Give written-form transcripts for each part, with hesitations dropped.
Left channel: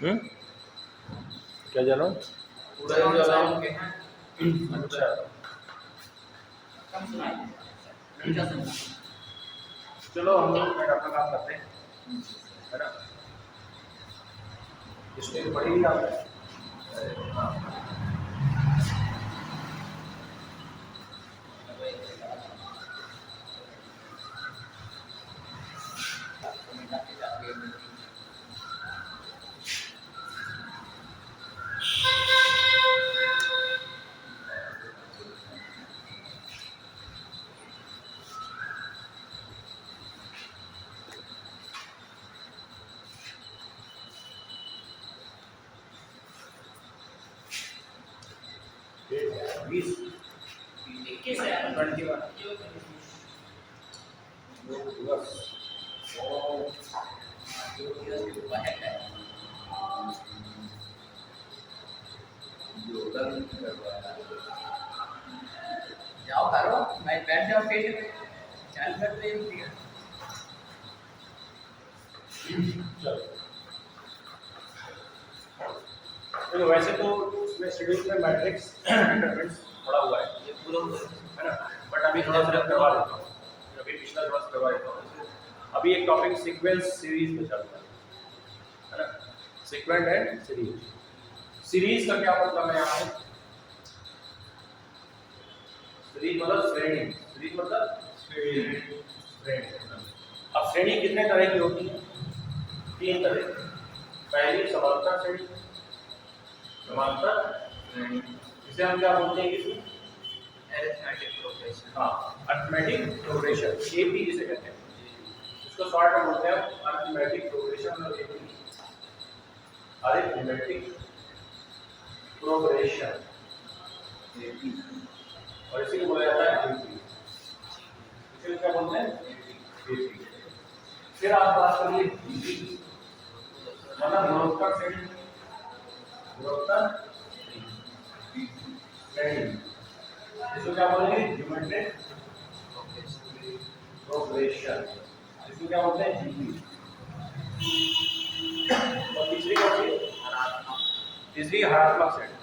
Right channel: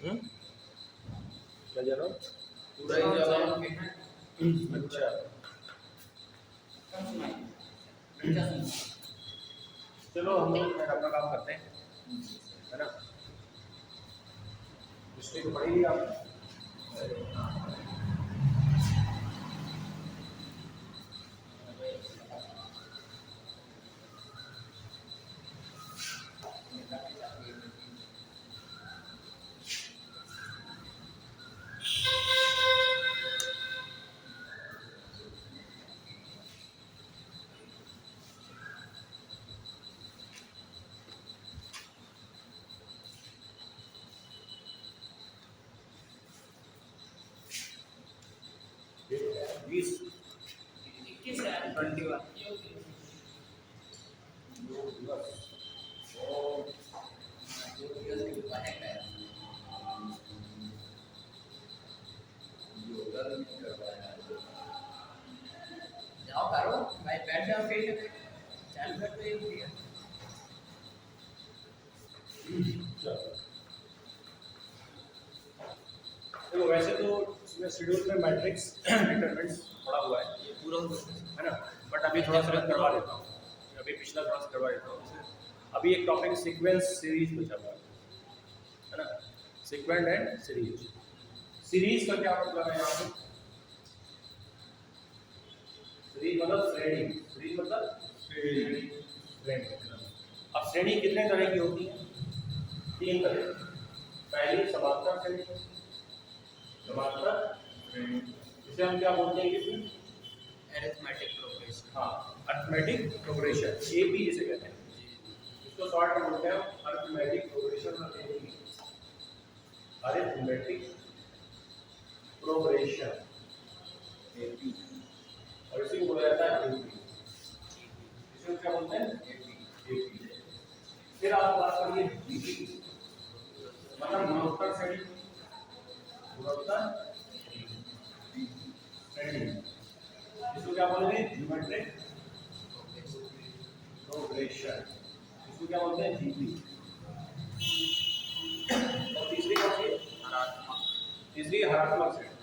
हम्म, क्या जा रहा हूँ? पूरा जो अलाउंस के हैं अच्छा, कम सुनाई अच्छा सुनना। चलो हम लोग फिर अपना काम करते हैं, है ना? हिस्ट्री तो पढ़ी ही आपने। हाँ, डेट है 20 21 है 21 योग दिवस और जो दिवस के ऊपर है योगदान करवाया। जाओ करो मैं बैठ जाओ स्टेशन पे चल करते हैं चलो, देखो वैसे तो इसमें शेड्यूल में मैट्रिक्स डिटरमिनेंट्स पढ़ा हुआ है, ये पूरा हो गया है ना? बट अभी थोड़ा सा करवा देता हूँ, अभी पिछला थोड़ा सा करवा देता हूँ। जैसे अभी एक टॉपिक सीक्वेंस सीरीज में चलता है ना? Sequent and series. सीरीज का क्या मतलब है यहाँ पे? सीरीज मतलब श्रेणी, सीरीज मतलब श्रेणी। अब श्रेणी कितने तरह की होती है? 3 तरह की। पहली समांतर श्रेणी, समांतर श्रेणी, इसे हम क्या बोलते हैं? किसी अरिथमेटिक प्रोग्रेशन हाँ, अरिथमेटिक प्रोग्रेशन, एपी जिसे कहते हैं। इसको शॉर्ट में बोलते हैं अरिथमेटिक प्रोग्रेशन और एपी, अरिथमेटिक प्रोग्रेशन, एपी, और इसी को बोला जाता है एपी। इसे क्या बोलते हैं? एपी। फिर आप बात करिए जीपी, मतलब गुणोत्तर श्रेणी, गुणोत्तर श्रेणी, इसको क्या बोलेंगे? ज्योमेट्रिक प्रोग्रेशन, इसको क्या बोलते हैं? जीपी। और तीसरी कौन सी? तीसरी हरात्मक श्रेणी,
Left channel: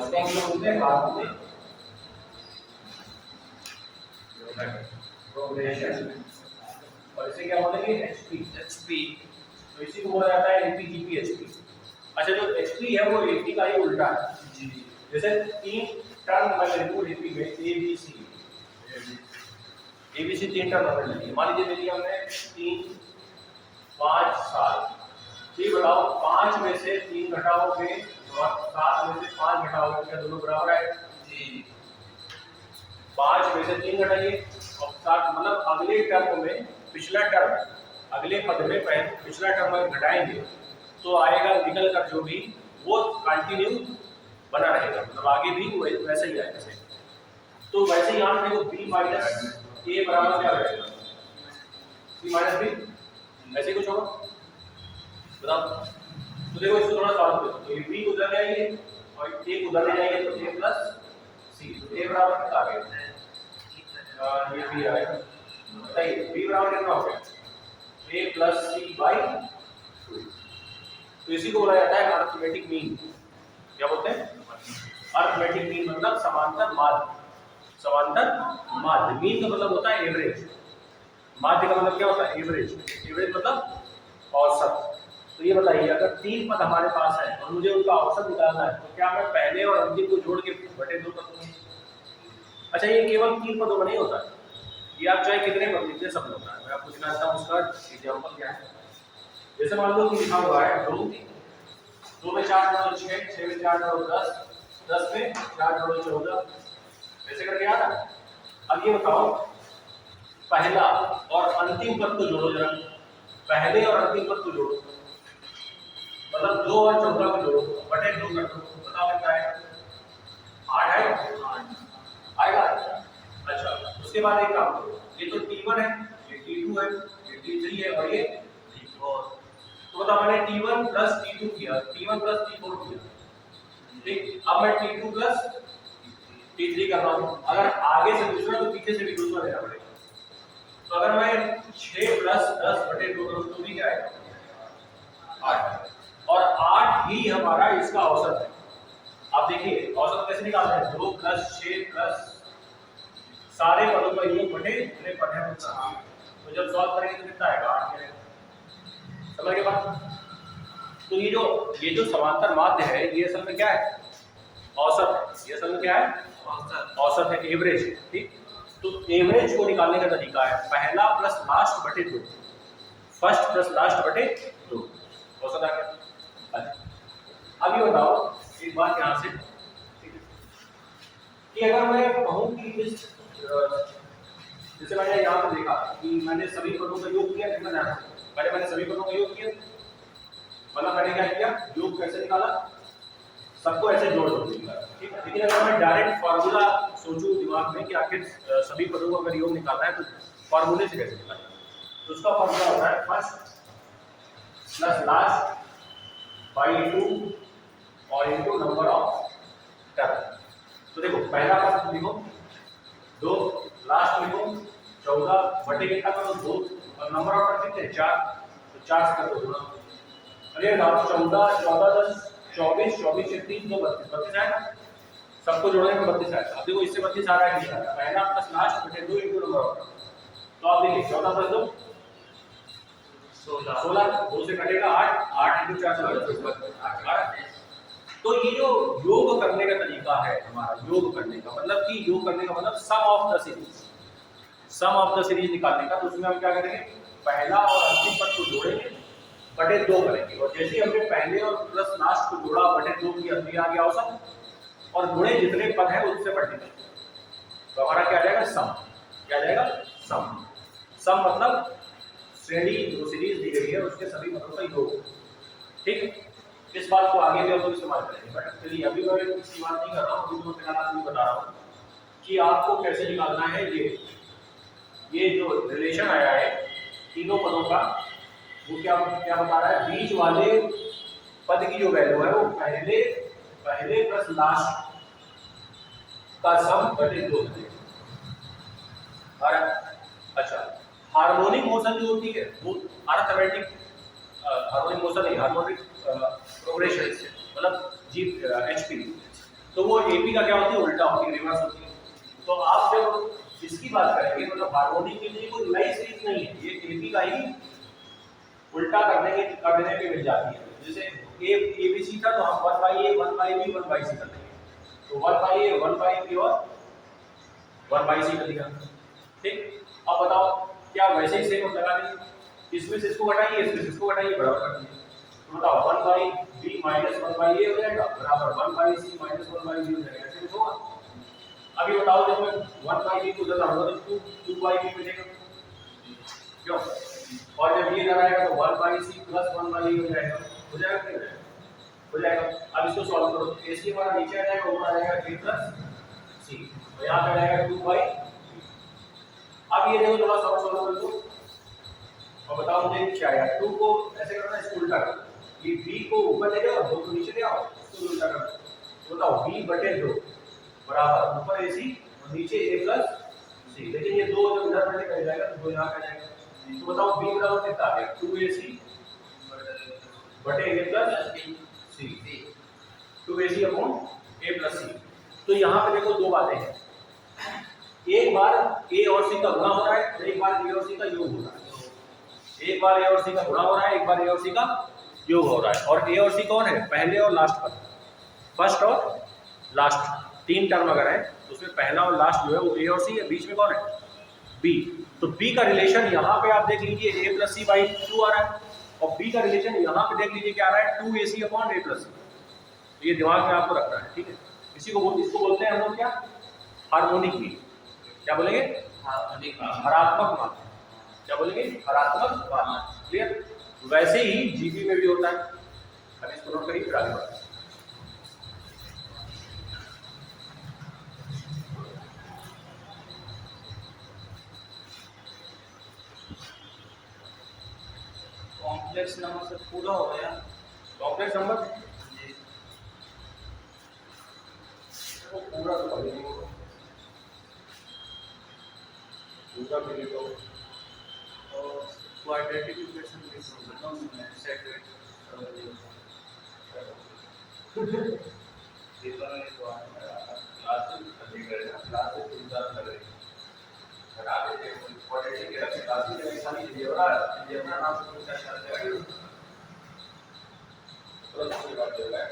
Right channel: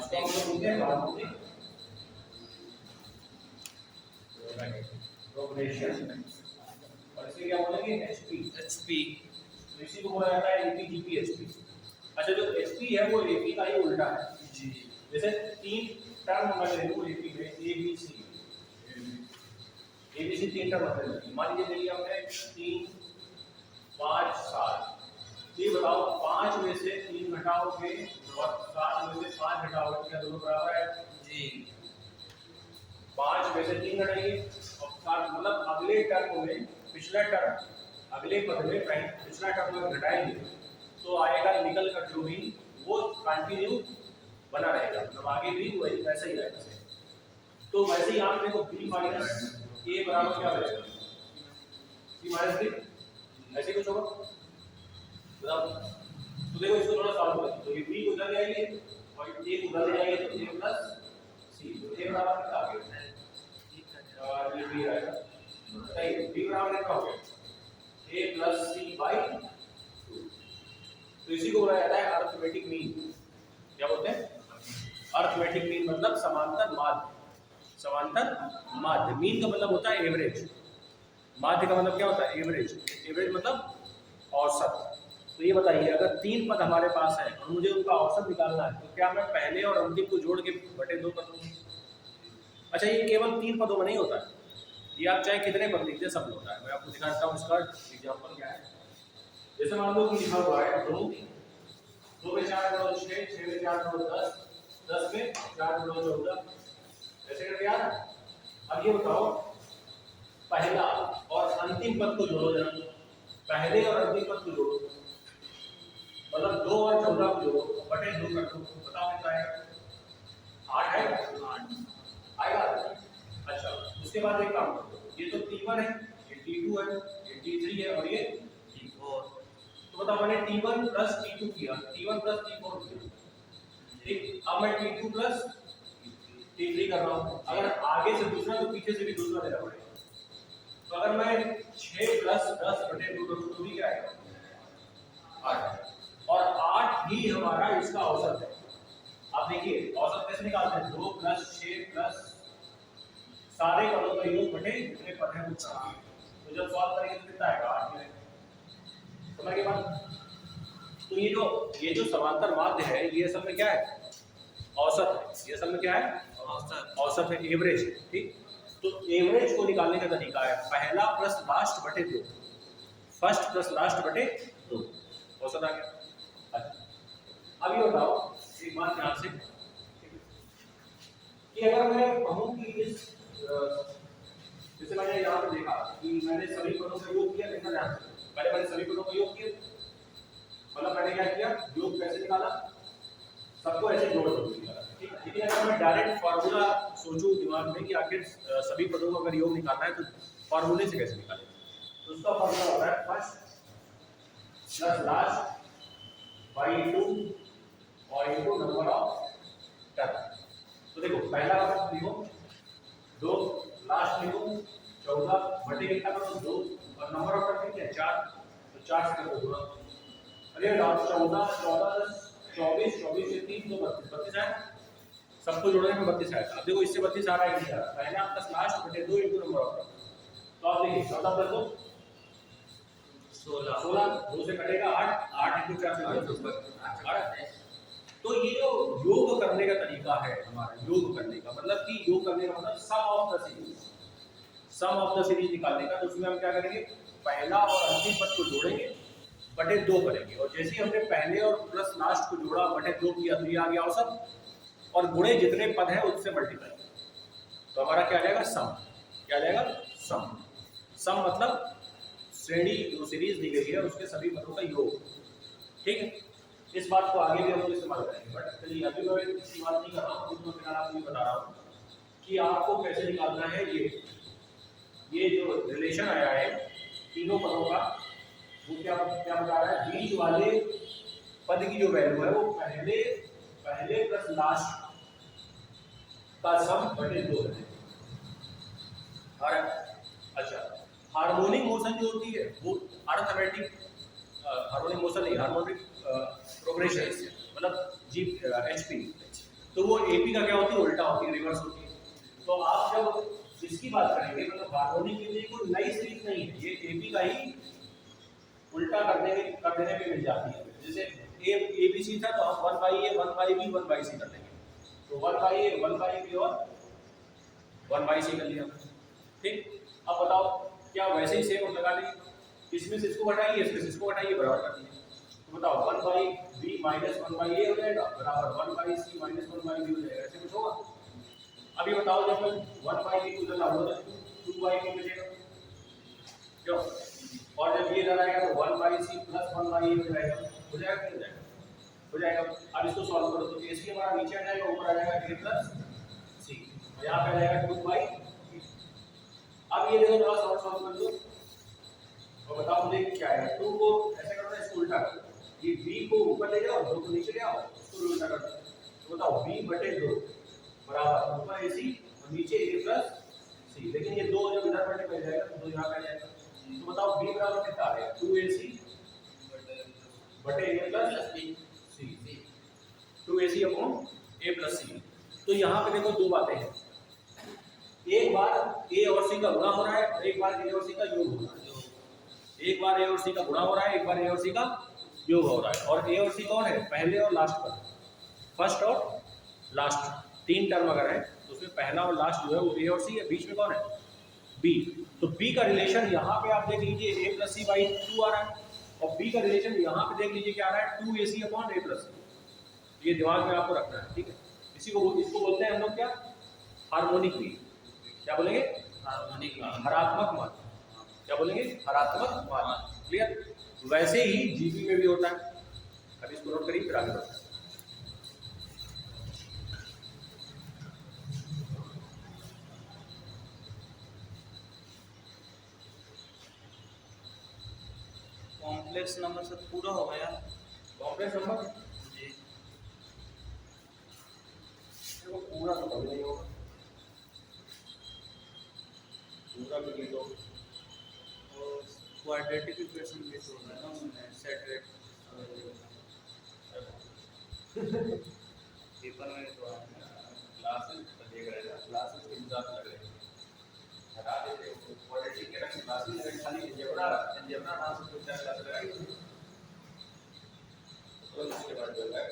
इसको हम बोलते हैं हार्मोनिक प्रोग्रेशन, और इसे क्या बोलेंगे? एचपी। एचपी तो इसी को बोला जाता है एपी जीपी एचपी। अच्छा, जो एचपी है वो एपी का ही उल्टा है। जी जैसे 3 टर्म मैं लिखूं एपी में, A B C, ABC 3 term हमने लिखी। मान लीजिए लिखी हमने 3 5 7। ये बताओ 5 में से 3 घटाओगे और 7 में से 5 घटाओगे, क्या दोनों बराबर है? जी 5 में से 3 घटाइए और 7, मतलब अगले टर्म में पिछला टर्म, अगले पद में पिछला टर्म अगर घटाएंगे तो आएगा निकल कर जो भी वो कंटिन्यू बना रहेगा, मतलब आगे भी वो वैसे ही आएगा। जैसे तो वैसे ही यहाँ पे देखो b माइनस ए बराबर क्या रहेगा? c माइनस बी, ऐसे कुछ होगा बताओ। तो देखो इसको थोड़ा सॉल्व करो, तो ये b को उधर ले आइए और a को उधर ले जाएंगे तो a प्लस c, तो a बराबर कितना आ गया? और ये b आएगा, बताइए b बराबर कितना हो गया? a plus C by 2। तो इसी को बोला जाता है अरिथमेटिक मीन। क्या बोलते हैं? अरिथमेटिक मीन मतलब समांतर माध्य, समांतर माध्य। मीन का मतलब होता है एवरेज, माध्य का मतलब क्या होता है? एवरेज। एवरेज मतलब औसत। तो ये बताइए अगर 3 पद हमारे पास है और मुझे उनका औसत निकालना है तो क्या मैं पहले और अंतिम को जोड़ के बटे 2 कर दूं? अच्छा, ये केवल 3 पदों में नहीं होता है, ये आप चाहे कितने पद लिखते सब होता है। मैं आपको दिखाता हूँ उसका एग्जांपल क्या है। जैसे मान लो कि लिखा हुआ है 2, 2 में 4 जोड़ो 6, 6 में 4 जोड़ो 10, 10 में 4 जोड़ो 14, ऐसे करके आ रहा है। अब ये बताओ पहला और अंतिम पद को जोड़ो जरा, पहले और अंतिम पद को जोड़ो, मतलब 2 और 14 को जोड़ो, बटे 2 कर दो, बताओ कितना आएगा? 8 आएगा, 8 आएगा। अच्छा, उसके बाद एक काम करो, ये तो T1 है, ये T2 है, ये T3 है और ये T4। तो बताओ मैंने T1 प्लस T2 किया, T1 प्लस T4 किया, ठीक। अब मैं T2 प्लस T3 कर रहा हूँ। अगर आगे से दूसरा तो पीछे से भी दूसरा लेना पड़ेगा। तो अगर मैं 6 प्लस 10 बटे 2 करूँ तो भी क्या आएगा? 8। और ही हमारा इसका औसत है। आप देखिए औसत कैसे निकालते हैं, 2 + 6 प्लस सारे पदों का योग बटे जितने पद हैं उतना। तो जब सॉल्व करेंगे तो कितना आएगा, 8 मिलेगा। समझ गए बात। तो ये जो समांतर माध्य है ये असल में क्या है, औसत है। ये असल में क्या है, औसत है, एवरेज है। ठीक, तो एवरेज को निकालने का तरीका है पहला प्लस लास्ट बटे 2, फर्स्ट प्लस लास्ट बटे 2, औसत आ गया। अच्छा अब ये बताओ एक बात यहाँ से, कि अगर मैं कहूँ कि इस जैसे मैंने यहाँ पे देखा कि मैंने सभी पदों का योग किया, देखना ध्यान से, पहले मैंने सभी पदों का योग किया, मतलब मैंने क्या किया, योग कैसे निकाला, सबको ऐसे जोड़ दो निकाला। ठीक है, लेकिन अगर मैं डायरेक्ट फार्मूला सोचूं दिमाग में कि आखिर सभी पदों का अगर योग निकालना है तो फार्मूले से कैसे निकालें, तो उसका फार्मूला होता है फर्स्ट प्लस लास्ट बाई 2 और इनटू नंबर ऑफ टर्म। तो देखो पहला पद लिखो 2, लास्ट लिखो 14 बटे कितना करो 2, और नंबर ऑफ टर्म कितने 4, तो 4 से कर दो गुणा। अरे 14 14 10 24 24 से 3 2 32 32 आएगा, सबको जोड़ने में 32 आएगा। अब देखो इससे 32 आ रहा है कि नहीं आ रहा, पहला प्लस लास्ट बटे 2 इनटू नंबर ऑफ टर्म। तो आप देखिए 14 प्लस 2 16 16, 2 से कटेगा 8 8 इनटू 4 8। तो ये जो योग करने का तरीका है हमारा, योग करने का मतलब कि योग करने का मतलब sum of the series, sum of the series निकालने का। तो उसमें हम क्या करेंगे, पहला और अंतिम पद को जोड़ेंगे बटे 2 करेंगे, और जैसे ही हमने पहले और प्लस लास्ट को जोड़ा बटे 2 किया तो ये आ गया औसत, और गुणे जितने पद हैं उससे मल्टीप्लाई, तो हमारा क्या जाएगा सम, क्या जाएगा सम। सम मतलब श्रेणी जो सीरीज दी गई है उसके सभी पदों का योग। ठीक है, इस बात को आगे भी हम लोग इस्तेमाल करेंगे, बट चलिए अभी मैं इसकी बात नहीं कर रहा हूँ, अभी मैं फिलहाल आपको बता रहा हूँ कि आपको कैसे निकालना है। ये जो रिलेशन आया है तीनों पदों का, वो क्या क्या बता रहा है, बीच वाले पद की जो वैल्यू है वो पहले प्लस लास्ट का सम बटे 2 है। और अच्छा, हार्मोनिक मोशन जो होती है वो अर्थमेटिक, हार्मोनिक मोशन नहीं, हार्मोनिक प्रोग्रेशन से मतलब जी एचपी, तो वो एपी का क्या होती है, उल्टा होती है, रिवर्स होती है। तो आप जब इसकी बात करेंगे मतलब हार्मोनिक के लिए कोई नई सीरीज नहीं है, ये एपी का ही उल्टा कर देने पे मिल जाती है। जैसे ए बी सी था तो हम 1/a 1/b 1/c कर देंगे, तो 1/a 1/b और 1/c कर लिया। ठीक, अब बताओ क्या वैसे ही सेम हम लगा देंगे, इसमें से इसको घटाइए, इसमें से इसको घटाइए, बराबर कर दीजिए। तो बताओ 1/b माइनस 1/a हो जाएगा बराबर 1/c माइनस 1/b हो जाएगा, ऐसे कुछ होगा। अभी बताओ जब मैं 1/b को उधर लाऊंगा तो 2/b मिलेगा, क्यों, और जब ये इधर आएगा तो 1/c प्लस 1/a हो जाएगा, हो जाएगा कि नहीं हो जाएगा, हो जाएगा। अब इसको सॉल्व करो तो ac हमारा नीचे आ जाएगा, ऊपर आ जाएगा a प्लस c, और यहाँ पे आ जाएगा 2/b। अब ये देखो थोड़ा सॉल्व कर दो और बताओ मुझे क्या आएगा। 2 को ऐसे करना है, इसको उल्टा करो, ये b को ऊपर ले जाओ, 2 को नीचे ले आओ, इसको उल्टा कर दो। बताओ b बटे 2 बराबर ऊपर ac और नीचे a प्लस c, लेकिन ये 2 जब इधर मल्टीप्लाई जाएगा तो 2 यहाँ आ जाएगा। तो बताओ b बराबर कितना आ गया, 2ac बटे a plus c, 2ac upon a plus c। तो यहाँ पे देखो दो बातें हैं, एक बार a और c का गुणा हो रहा है और एक बार a और c का योग हो रहा है। एक बार a और c का गुणा हो रहा है, एक बार a और c का योग हो रहा है। और a और c कौन है, पहले और लास्ट पद, फर्स्ट और लास्ट, 3 टर्म अगर है तो उसमें पहला और लास्ट जो है वो a और c है, बीच में कौन है b। तो b का रिलेशन यहाँ पे आप देख लीजिए a प्लस सी बाई 2 आ रहा है, और b का रिलेशन यहाँ पे देख लीजिए क्या आ रहा है 2ac अपॉन a प्लस सी। ये दिमाग में आपको रखना है, ठीक है। इसको बोलते हैं हम लोग क्या, हार्मोनिक मीन, क्या बोलेंगे, हरात्मक मान, क्या बोलेंगे, हरात्मक मान। क्लियर, वैसे ही जीपी में भी होता है। अब इसको नोट करिए फिर आगे बढ़ते हैं। कॉम्प्लेक्स नंबर से पूरा हो गया, कॉम्प्लेक्स नंबर पूरा तो नहीं होगा, पूरा भी नहीं होगा, क्वाड्रेटिक इक्वेशन भी तो सेट इन्होंने तो क्लासेस देख रहे हैं ना, क्लासेस के हिसाब से लग रही है रात के क्वाड्रेटिक के रखे क्लासेस में खाली जेब्रा नाम से कुछ चल रहा है तो उसके बाद चल रहा है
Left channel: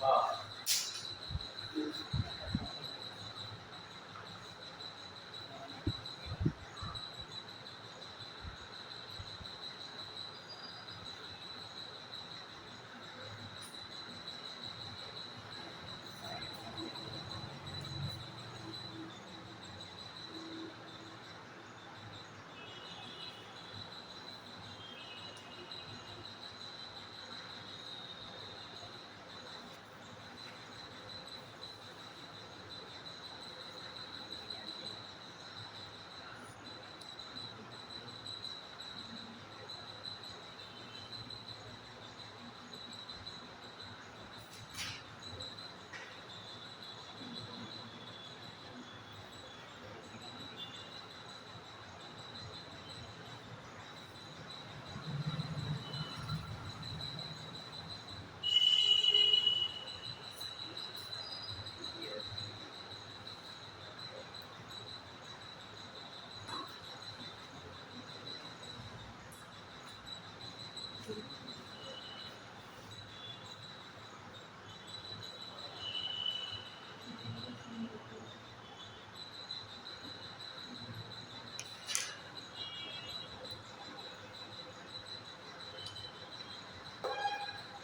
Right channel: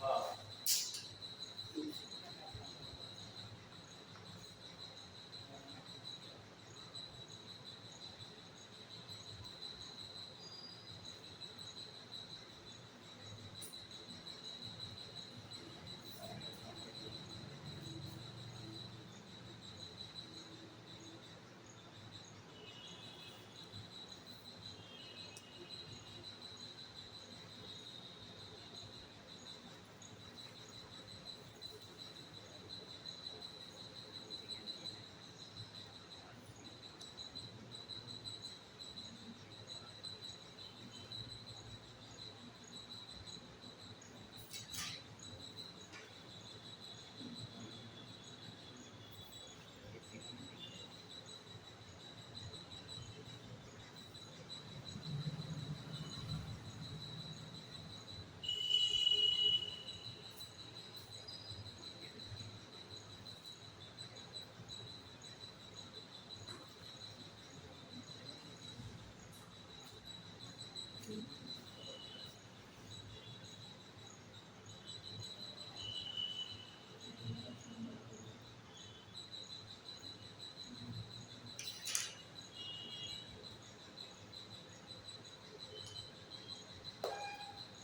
हाँ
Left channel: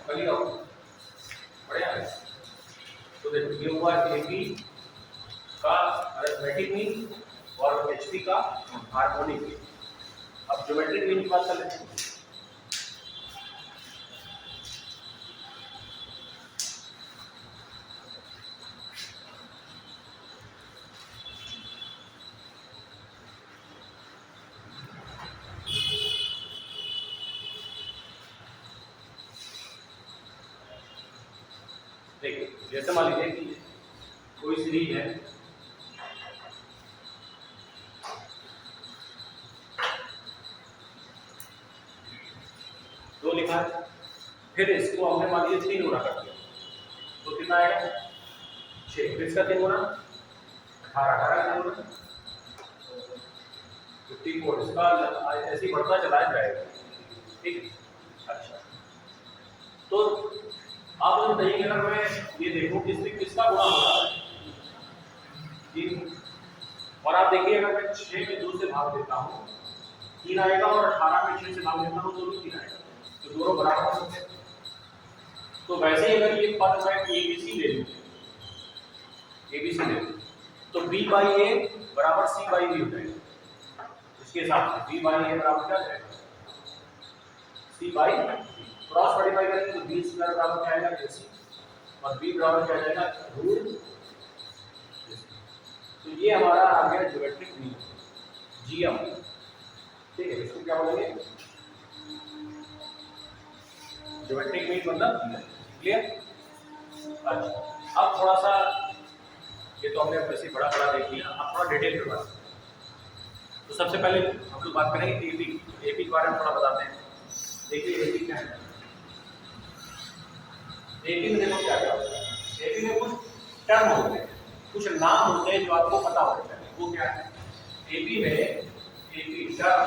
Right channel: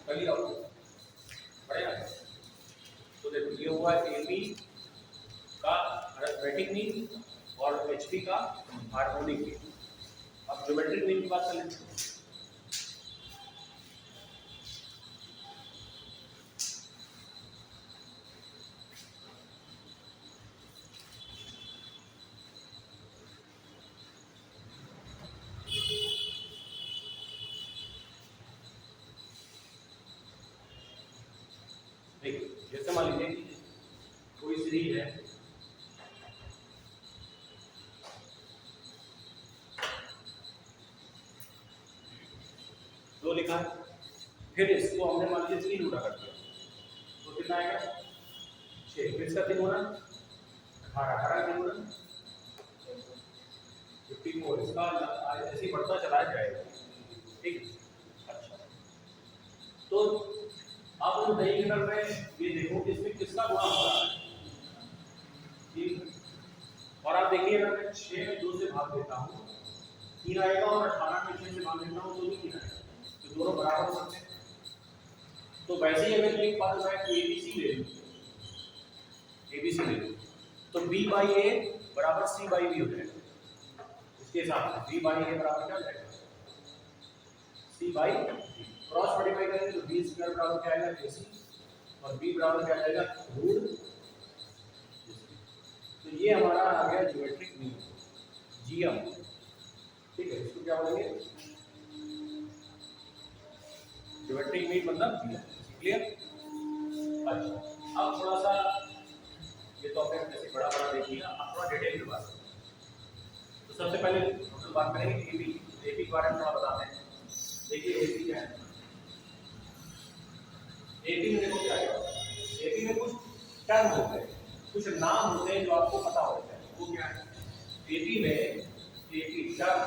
कल आओ बढ़िया है तो देखो ये हुआ एपी का अरिथमेटिक मीन और एचपी का हार्मोनिक मीन अब ज्योमेट्रिक मीन की बात कर लेते हैं देखिए जैसे मान लीजिए कि कोई सीरीज है दो लिखा है फिर इसको हमने मान लीजिए 3 गुना कर दिया तो कितना आएगा 6 फिर इसका 3 गुना 18 18 का 3 गुना 54 इसका ऐसे ही बढ़ता चला जाएगा ठीक है अच्छा तो आप मुझे बताइए अगर मैं ये देखूं कि इससे किसका गुणा हो रहा है 3 और आप देखिए अगर मैं 6 में 2 से भाग देता हूँ 3 आएगा और 18 में 6 से भाग देता हूँ तो भी 3 आएगा तो दोनों बराबर हो सकते हैं तो वैसे ही अगर ये पद मैं ABC ले लूँ ABC ले लूँ तो B बाई A बराबर C बाई B हो जाएगा इसके हिसाब से B बाई A बराबर क्या जाएगा C बाई क्रॉस मल्टीप्लाई करेंगे तो B स्क्वायर बराबर क्या आएगा AC और B बराबर क्या जाएगा रूट तो ये हमारा आ गया ज्योमेट्रिक मीन GM ठीक है इसको क्या बोलेंगे ज्योमेट्रिक मीन मतलब क्लियर अच्छा अब थोड़ा सा ये तो हमने वैसे बड़ा बड़ा देख लिया अब थोड़ा डिटेल में बात तो सबसे पहले हम लोग बात करेंगे एपी एपी के बारे में थोड़ा बताते हैं देखिए एपी क्या है एपी में देखो क्या क्या होता है एपी में कुछ टर्म होते हैं कुछ नाम होते हैं जो आपको पता होना चाहिए वो क्या है एपी में एपी टर्म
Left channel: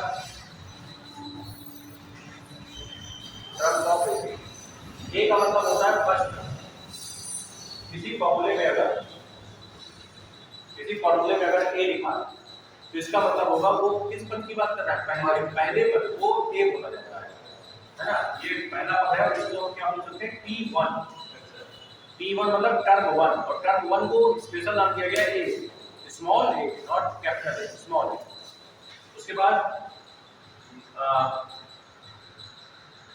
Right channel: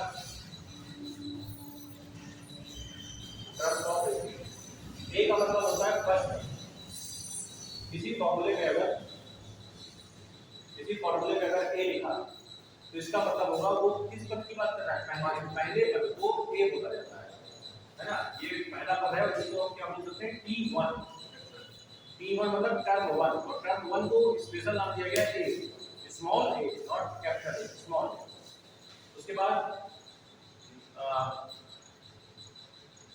ऑफ एपी ए का मतलब होता है फर्स्ट किसी फॉर्मूले में अगर किसी फॉर्मूले में अगर ए लिखा तो इसका मतलब होगा वो किस पद की बात कर रहा है, पहले पद को ए बोला जाता है ना। ये पहला पद है और इसको क्या बोल सकते हैं, T1। T1 मतलब टर्म 1, और टर्म 1 को स्पेशल नाम दिया गया है a, small a, not capital A, small a. उसके बाद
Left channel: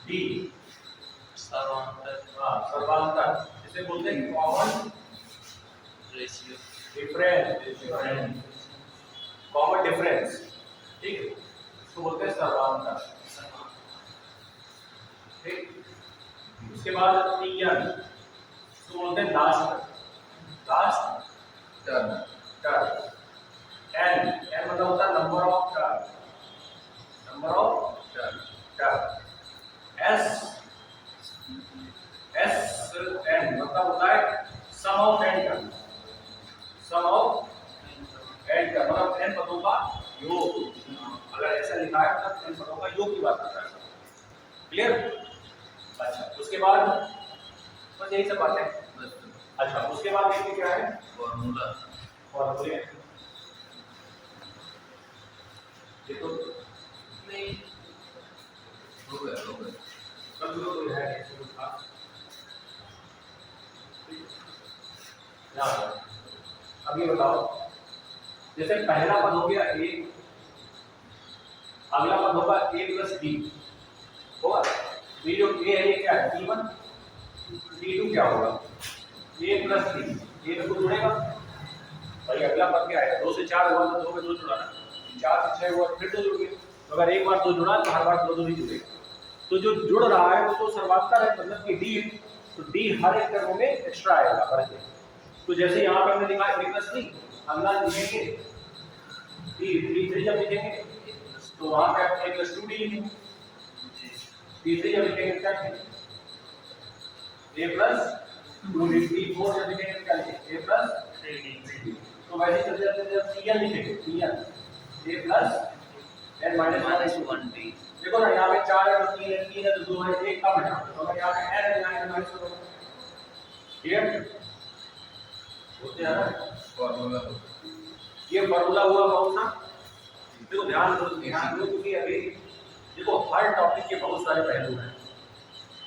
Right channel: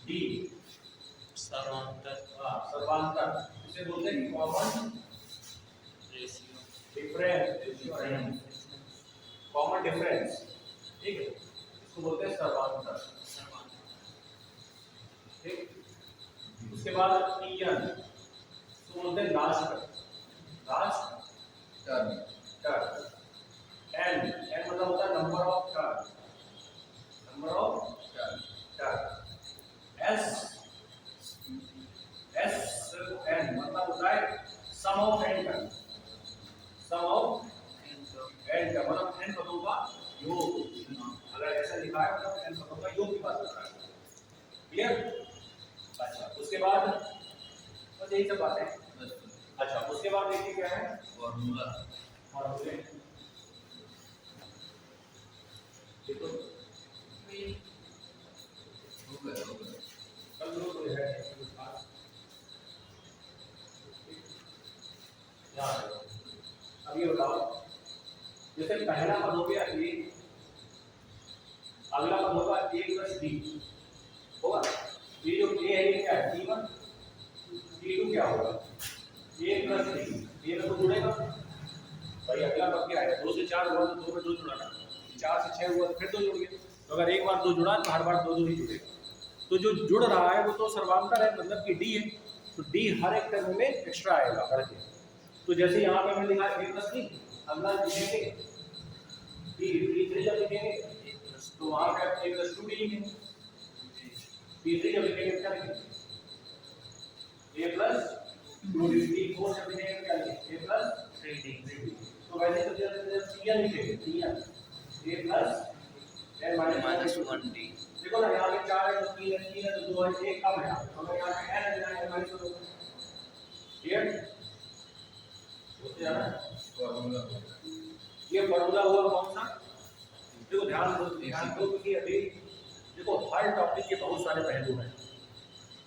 डी सर्वांतर, सर्वांतर, इसे बोलते हैं common ratio, difference, common difference, ठीक है, इसको बोलते हैं सर्वांतर, ठीक। उसके बाद Tn, इसको बोलते हैं लास्ट टर्म। n मतलब होता है नंबर ऑफ टर्म। Sn मतलब होता है सम ऑफ n टर्म, मतलब n पदों का योग। अगर ऐसा लिखा है मतलब n पदों का योग की बात कर रहा है। क्लियर? अच्छा, उसके बाद बस यही सब बातें। अच्छा, उसके बाद देखिए क्या है, फॉर्मूले। ये तो नहीं हो गया सब लोग है इसको खास याद। अब ये बताओ, जैसे पहला पद हो गया ए, अगला पद होगा a प्लस b होगा। ये जो a है ये क्या है, T1, T2 क्या होगा, a प्लस b, ये तो जुड़ेगा भाई। अगला पद क्या है, 2 से 4 हुआ तो 2 में 2 जुड़ा, 4 से 6 हुआ फिर 2 जुड़ गए। तो अगर एक बार 2 जुड़ा तो हर बार 2 नहीं जुड़ेगा। तो जो जुड़ रहा है वो तो सर्वांतर है, मतलब कि डी है, तो डी हर एक टर्म में एक्स्ट्रा आएगा बढ़ के। तो जैसे यहाँ पे हमने लिखा a प्लस b, अगला लिखेंगे T3 जब लिखेंगे तो वहाँ पे आप a प्लस 2d लिखेंगे, T3 जब लिखेंगे क्या लिखेंगे a प्लस 2d, T4 जब लिखेंगे क्या लिखेंगे a प्लस 3d। तो वैसे चलते चलते जब Tn लिखेंगे, Tn a plus n minus 1b। देखो ना यहाँ पे 4 है तो 3 है, 3 है तो 2 है, 1 कम है, तो अगर यहाँ पे n है यहाँ n माइनस 1 होगा। क्लियर होते हैं ना फॉर्मूला। ये फॉर्मूला हुआ कौन सा, देखो ध्यान दो क्योंकि अभी देखो हर टॉपिक के बहुत सारे पहलू हैं।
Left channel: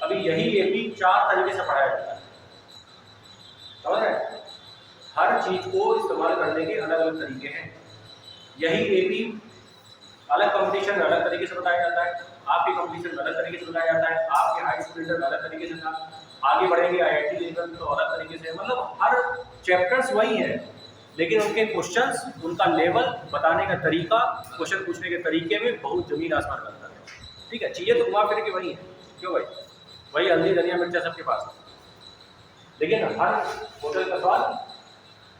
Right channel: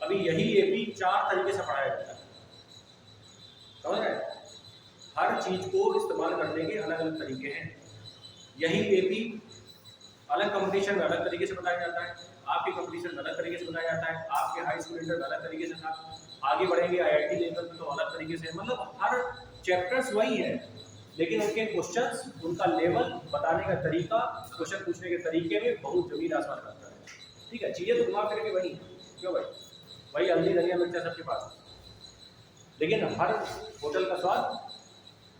अभी यही एपी 4 तरीके से पढ़ाया जाता है, समझ रहे हैं? हर चीज को इस्तेमाल करने के अलग अलग तरीके हैं। यही एपी अलग कंपटीशन में अलग तरीके से बताया जाता है, आपके कंपटीशन में अलग तरीके से बताया जाता है, आपके हाई स्कूल इंटर में अलग तरीके से था, आगे बढ़ेंगे आईआईटी लेवल तो अलग तरीके से। मतलब हर चैप्टर्स वही हैं, लेकिन उनके क्वेश्चंस, उनका लेवल बताने का तरीका, क्वेश्चन पूछने के तरीके में बहुत जमीन आसमान का अंतर है। ठीक है, चीज़ें तो घुमा फिर के वही है, क्यों भाई, वही हल्दी धनिया मिर्चा सबके पास है, लेकिन हर होटल का स्वाद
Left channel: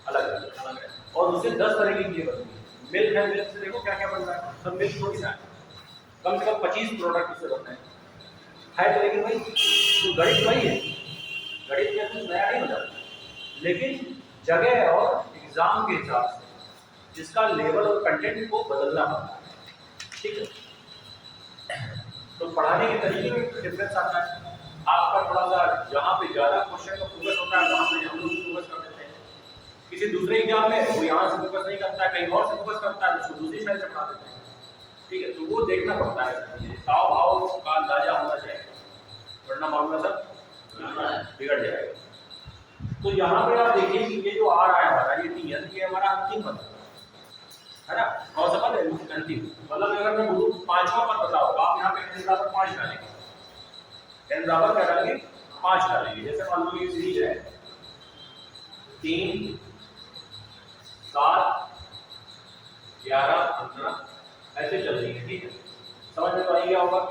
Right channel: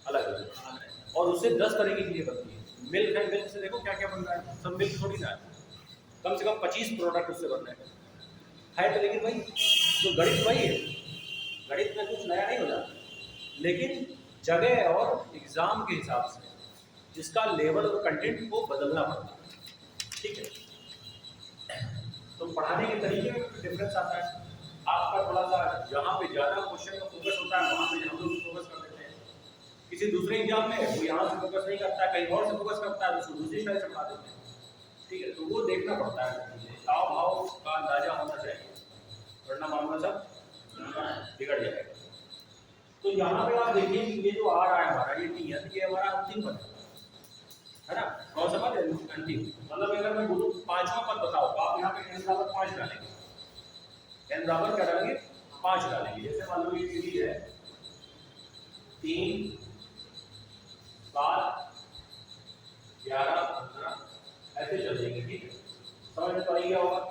अलग अलग है। और उससे 10 तरह की चीज़ें बनती है। मिल्क है, मिल्क से देखो क्या क्या बन रहा है, सब मिल्क थोड़ी ना है, कम से कम 25 प्रोडक्ट उससे बन रहे हैं तो। लेकिन भाई तो गणित वही है, गणित में कुछ नया नहीं बना, लेकिन जगह और एग्जाम के हिसाब से जिसका लेवल और कंटेंट को बदलना पड़ता है। ठीक है, तो पढ़ाने के तरीके में डिफरेंस आता है। आपका थोड़ा सा जहाँ पे ज़्यादा क्वेश्चन का फोकस होता है वहाँ पे हम लोग फोकस कर देते हैं। किसी दूसरे एग्जाम में वो यहाँ से फोकस नहीं करता है, कहीं और से फोकस करता है, उसको दूसरी साइड से पढ़ा देते हैं। ठीक है, तो वो देखना पड़ता है, ताव भाव का अंदाजा होना चाहिए, वरना मामला सब बिगड़ जाएगा। तो यहाँ पे आप देखिए कि ये जो आ रहा है हमारा ये Tn, ये हमारा अंतिम पद है ना। कौन सा पद है, अंतिम। मतलब अगर मैं बोलूँ 5वां पद बताओ, आप यहाँ पे n बराबर 5 डालेंगे, n बराबर क्या डालेंगे 5 डालेंगे। जैसे मान लो ये सीरीज है 3, 7, 11, 15 ऐसे चल रही है। ठीक है, समझ में तो आई क्या होगा।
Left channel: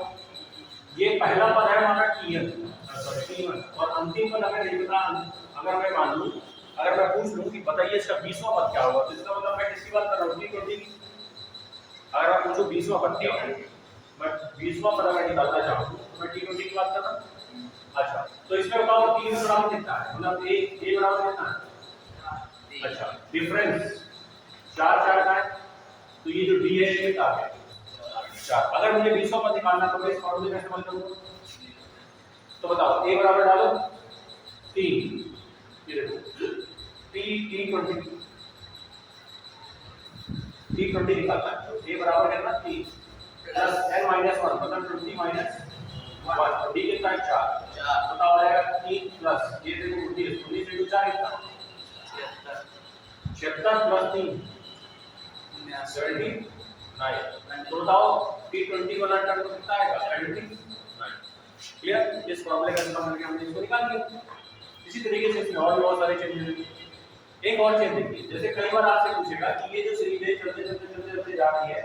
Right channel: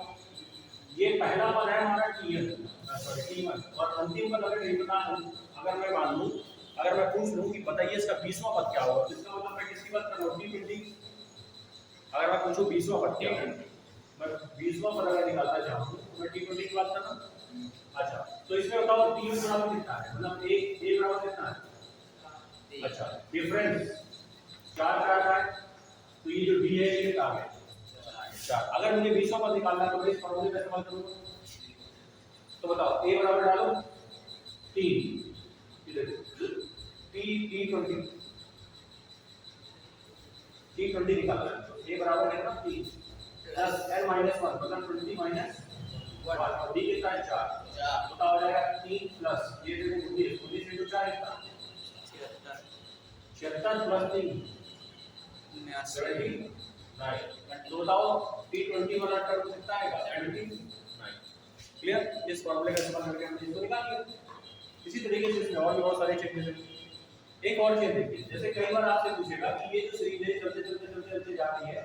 ये पहला पद है हमारा T1 और अंतिम पद अगर नहीं पता, अगर मैं मान लूं, अगर मैं पूछ लूं कि बताइए इसका 20वां पद क्या होगा, तो इसका मतलब मैं किसकी बात कर रहा हूँ, T20 की। अगर मैं पूछूं 20वां पद क्या होगा, मैं 20वां पद अगर निकालना चाहूँ तो मैं T20 की बात कर रहा हूँ। अच्छा, तो इसमें बताओ T बराबर कितना है, मतलब A बराबर कितना है। अच्छा, डिफरेंस 4 4 का है, तो ये जो D है ये कितना है 4। अगर मुझे 20वां पद निकालना है तो मैं इस फॉर्मूले का इस्तेमाल करूंगा। तो बताओ A बराबर डालो 3, ये देखो T20 T20 निकालना है, तो A बराबर कितना 3 प्लस n माइनस 1 मतलब 20 माइनस 1, तो D कितना है 4, तो क्या हो जाएगा 3 प्लस ये देखो 19, 19 into 4 कितना 76 प्लस 3 79, तो बताओ T20 वाला टर्म कितना आएगा 79। क्लियर, इस फॉर्मूले का इस्तेमाल करके हमने इसको निकाल लिया। इसी तरीके से इसमें और भी बहुत सारे चेंजेस हैं। एक और चीज देखिए, जैसे कई बार आपसे पूछेगा कि ये जो सीरीज है चलते चलते चलते चलते जा रही है,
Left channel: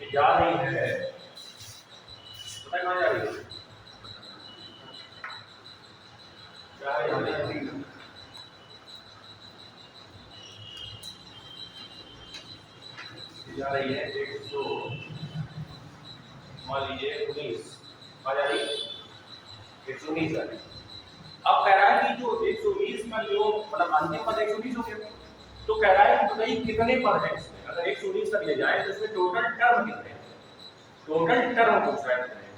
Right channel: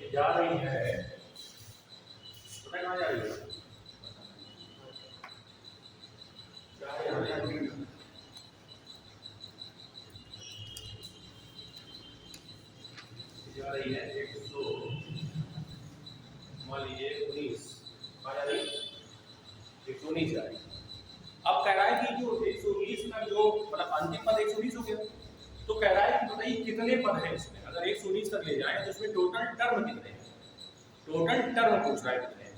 ये जा रही है, पता कहाँ जा रही है, जा रही है जा रही है 100 मान लीजिए 19 आ जा रही है 119 जा रही है। अब कह रहा है कि जो 120 का जो मतलब अंतिम पद 120 हो गया, तो कह रहा है कि बताइए कितने पद हैं इसमें, अगर 120 तक ले जाए तो इसमें टोटल टर्म कितने हैं, टोटल टर्म पूछ रहा है कितने हैं,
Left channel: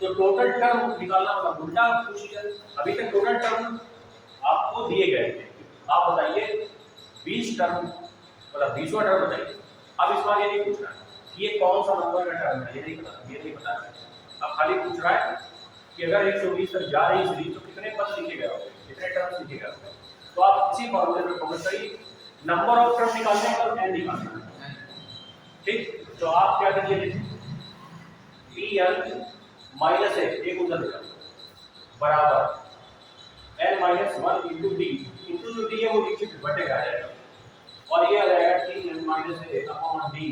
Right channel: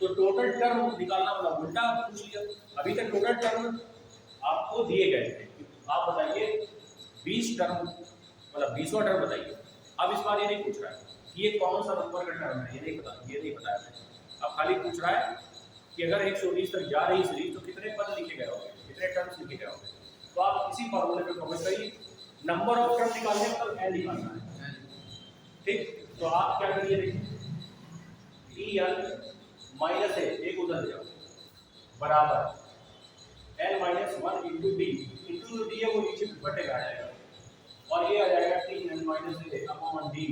तो टोटल टर्म निकालना वाला उल्टा पूछ लिया। अभी तक टोटल टर्म आपको दिए गए थे, आप बताइए 20 टर्म मतलब 20वां टर्म बताइए। अब इस बार ये नहीं पूछ रहा है कि ये कौन सा नंबर का टर्म है, ये नहीं पता है, अब खाली पूछ रहा है कि अगर 120 तक जा रही सीरीज तो कितने पद लिखे गए होंगे, कितने टर्म्स लिखे गए होंगे। तो आप इसी फॉर्मूले पे फोकस करिए, नंबर ऑफ टर्म निकालने का और n निकालना है, ठीक। तो आप क्या करिए, देखिए n माइनस एक उधर जाओ बराबर n minus 1 into D, into जो डी है वो नीचे बटेगा आ जाएगा, और ये आ जाएगा t n minus a upon d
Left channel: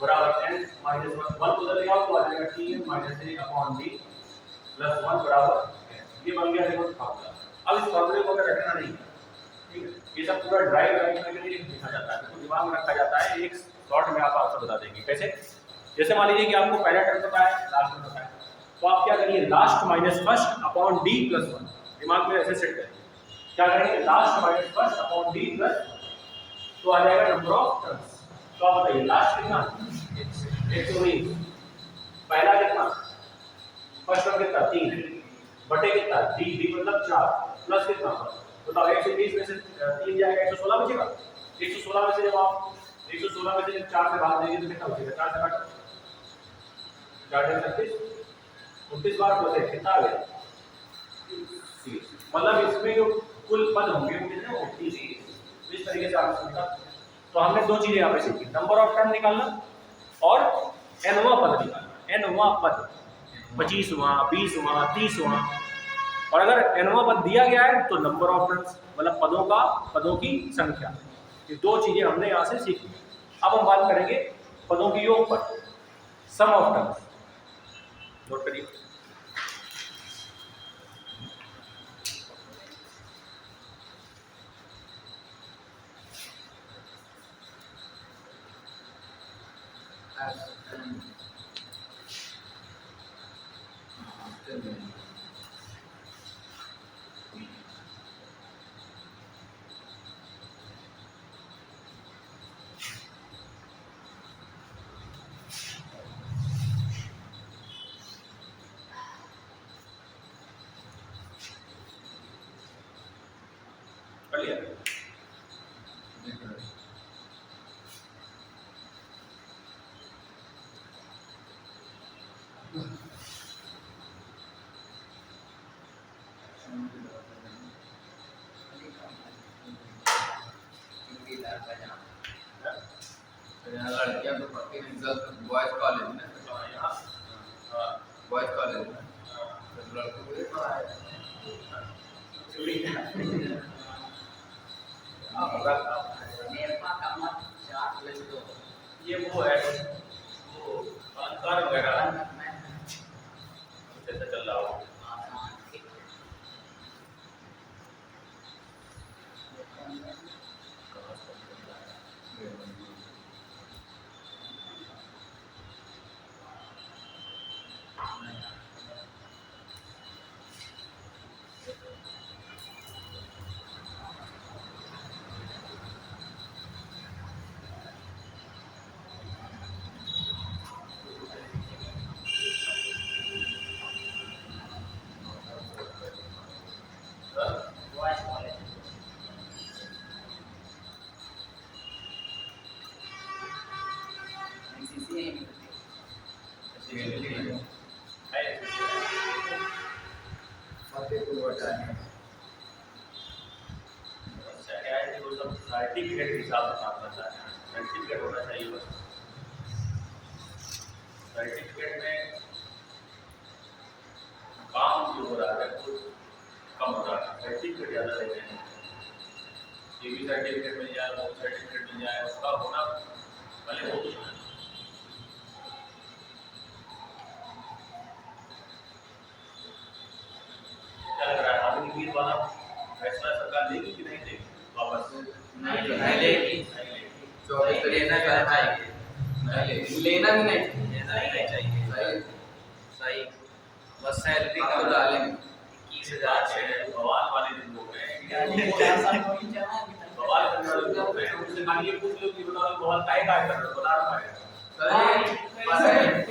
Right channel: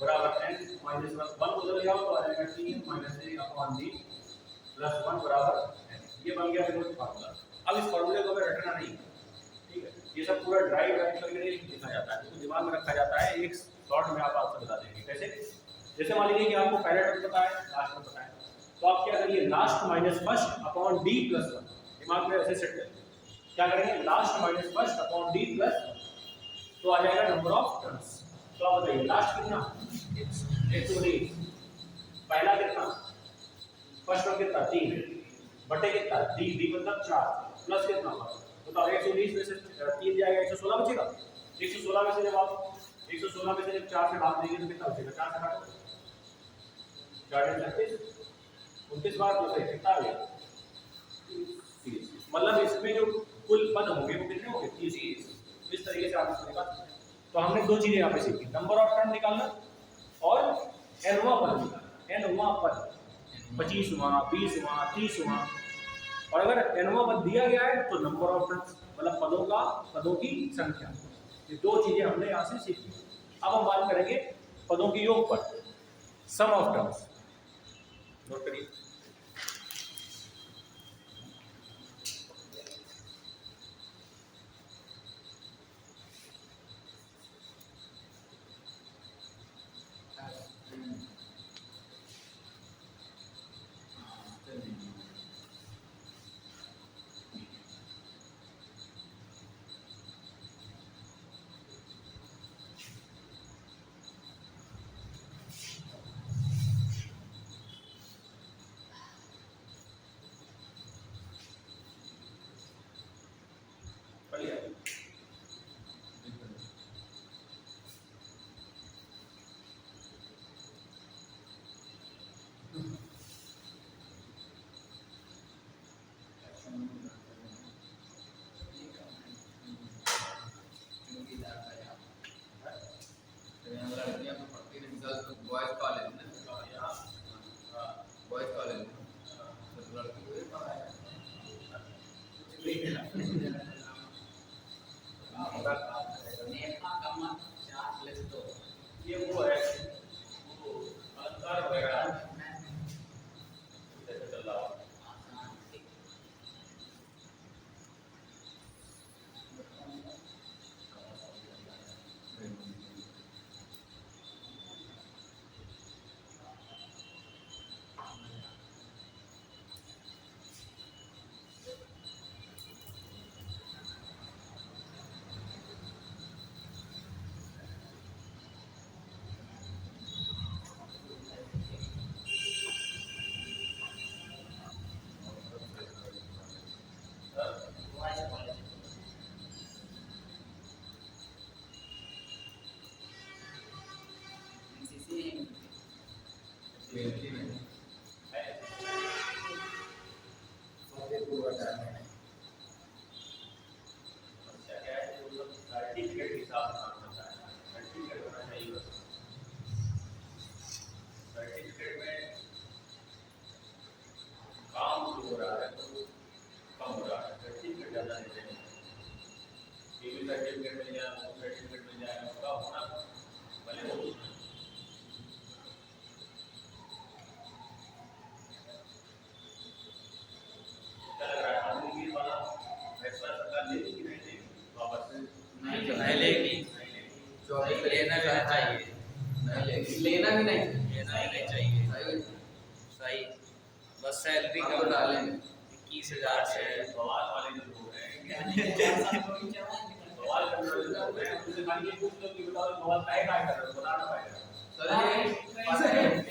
बराबर n माइनस 1 उधर ले आओ तो आ जाएगा t n minus a upon d plus 1 बराबर ये बन गया देखो फार्मूला। अब इस फार्मूले को अगर रखना नहीं, ठीक है, ये सब पूरा ड्राइव करके लिखा जाता है, तो दिमाग में रखा जाता है, एक शॉर्ट में आप आंसर बता देंगे कैसे। जैसे मान लीजिए कि आपको पहला टर्म पता है, लास्ट में पता है, तो आप क्या करिए last minus first upon D plus 1, दिमाग में ऐसे सेट करिए, क्या करेंगे last minus first upon D plus, तो आ जाएगा नंबर ऑफ टर्म्स। तो आप बताइए लास्ट कितना 119, पहला कितना फर्स्ट टर्म कितना 3 बटे कितना डी मतलब 4 प्लस कितना बताओ 120 में से 3 जाएगा 116 बचेगा, 116 में से जब आप 116 में से जब 4 से भाग देंगे तो कितना बचेगा, 4 से काटो 4 36 29 बार तो से कितना आ गया 30, मतलब इसमें जो कुल पद होंगे वो कितने होंगे 30। इस तरीके से आप इसको निकाल सकते हैं। तो हमने दो चीजें यहाँ पे सीखी, नंबर ऑफ टर्म निकालना और nवां पद निकालना, nवां पद 25वां 20वां 30वां, और अगर nवां पद दिया गया है तो नंबर ऑफ टर्म्स मतलब पदों की संख्या, ये दो चीजें हमने यहाँ से सीखी। अब हम बात करेंगे पदों के योग पर, सम ऑफ टर्म्स, नोट करिए। बॉयज कॉलेज में बॉयज कॉलेज में लड़कों को ये पढ़ाया ये वो है वो अलंकार वगैरह जैसे चल रहा हो, सर्टिफिकेट के हिसाब से काम करता है, सर्टिफिकेट होना चाहिए बस। सर्टिफिकेट में काम जो हो रहा है वो कम हो रहा है, सर्टिफिकेट ज़्यादा लेते हैं। ये भी सर्टिफिकेट मिल जाए, वो सर्टिफिकेट मिल जाए, उसका होना भले हो गया। क्या लग रहा है आगे वीर वाला फैसला सरकार लेगी कि नहीं लेगी वापस? नहीं लेगी। जो अभी तो लेना चाहिए, लेना ही नहीं चाहिए। सही बस सैलरी आप का तो डालेंगे 21,000 से बवाल वाले जो लोग हैं, सही बवाल करने वाले लोग हैं, उनसे खाली ये पूछ लो कि बताओ बवाल काहे कर रहे हो, बता रहा है।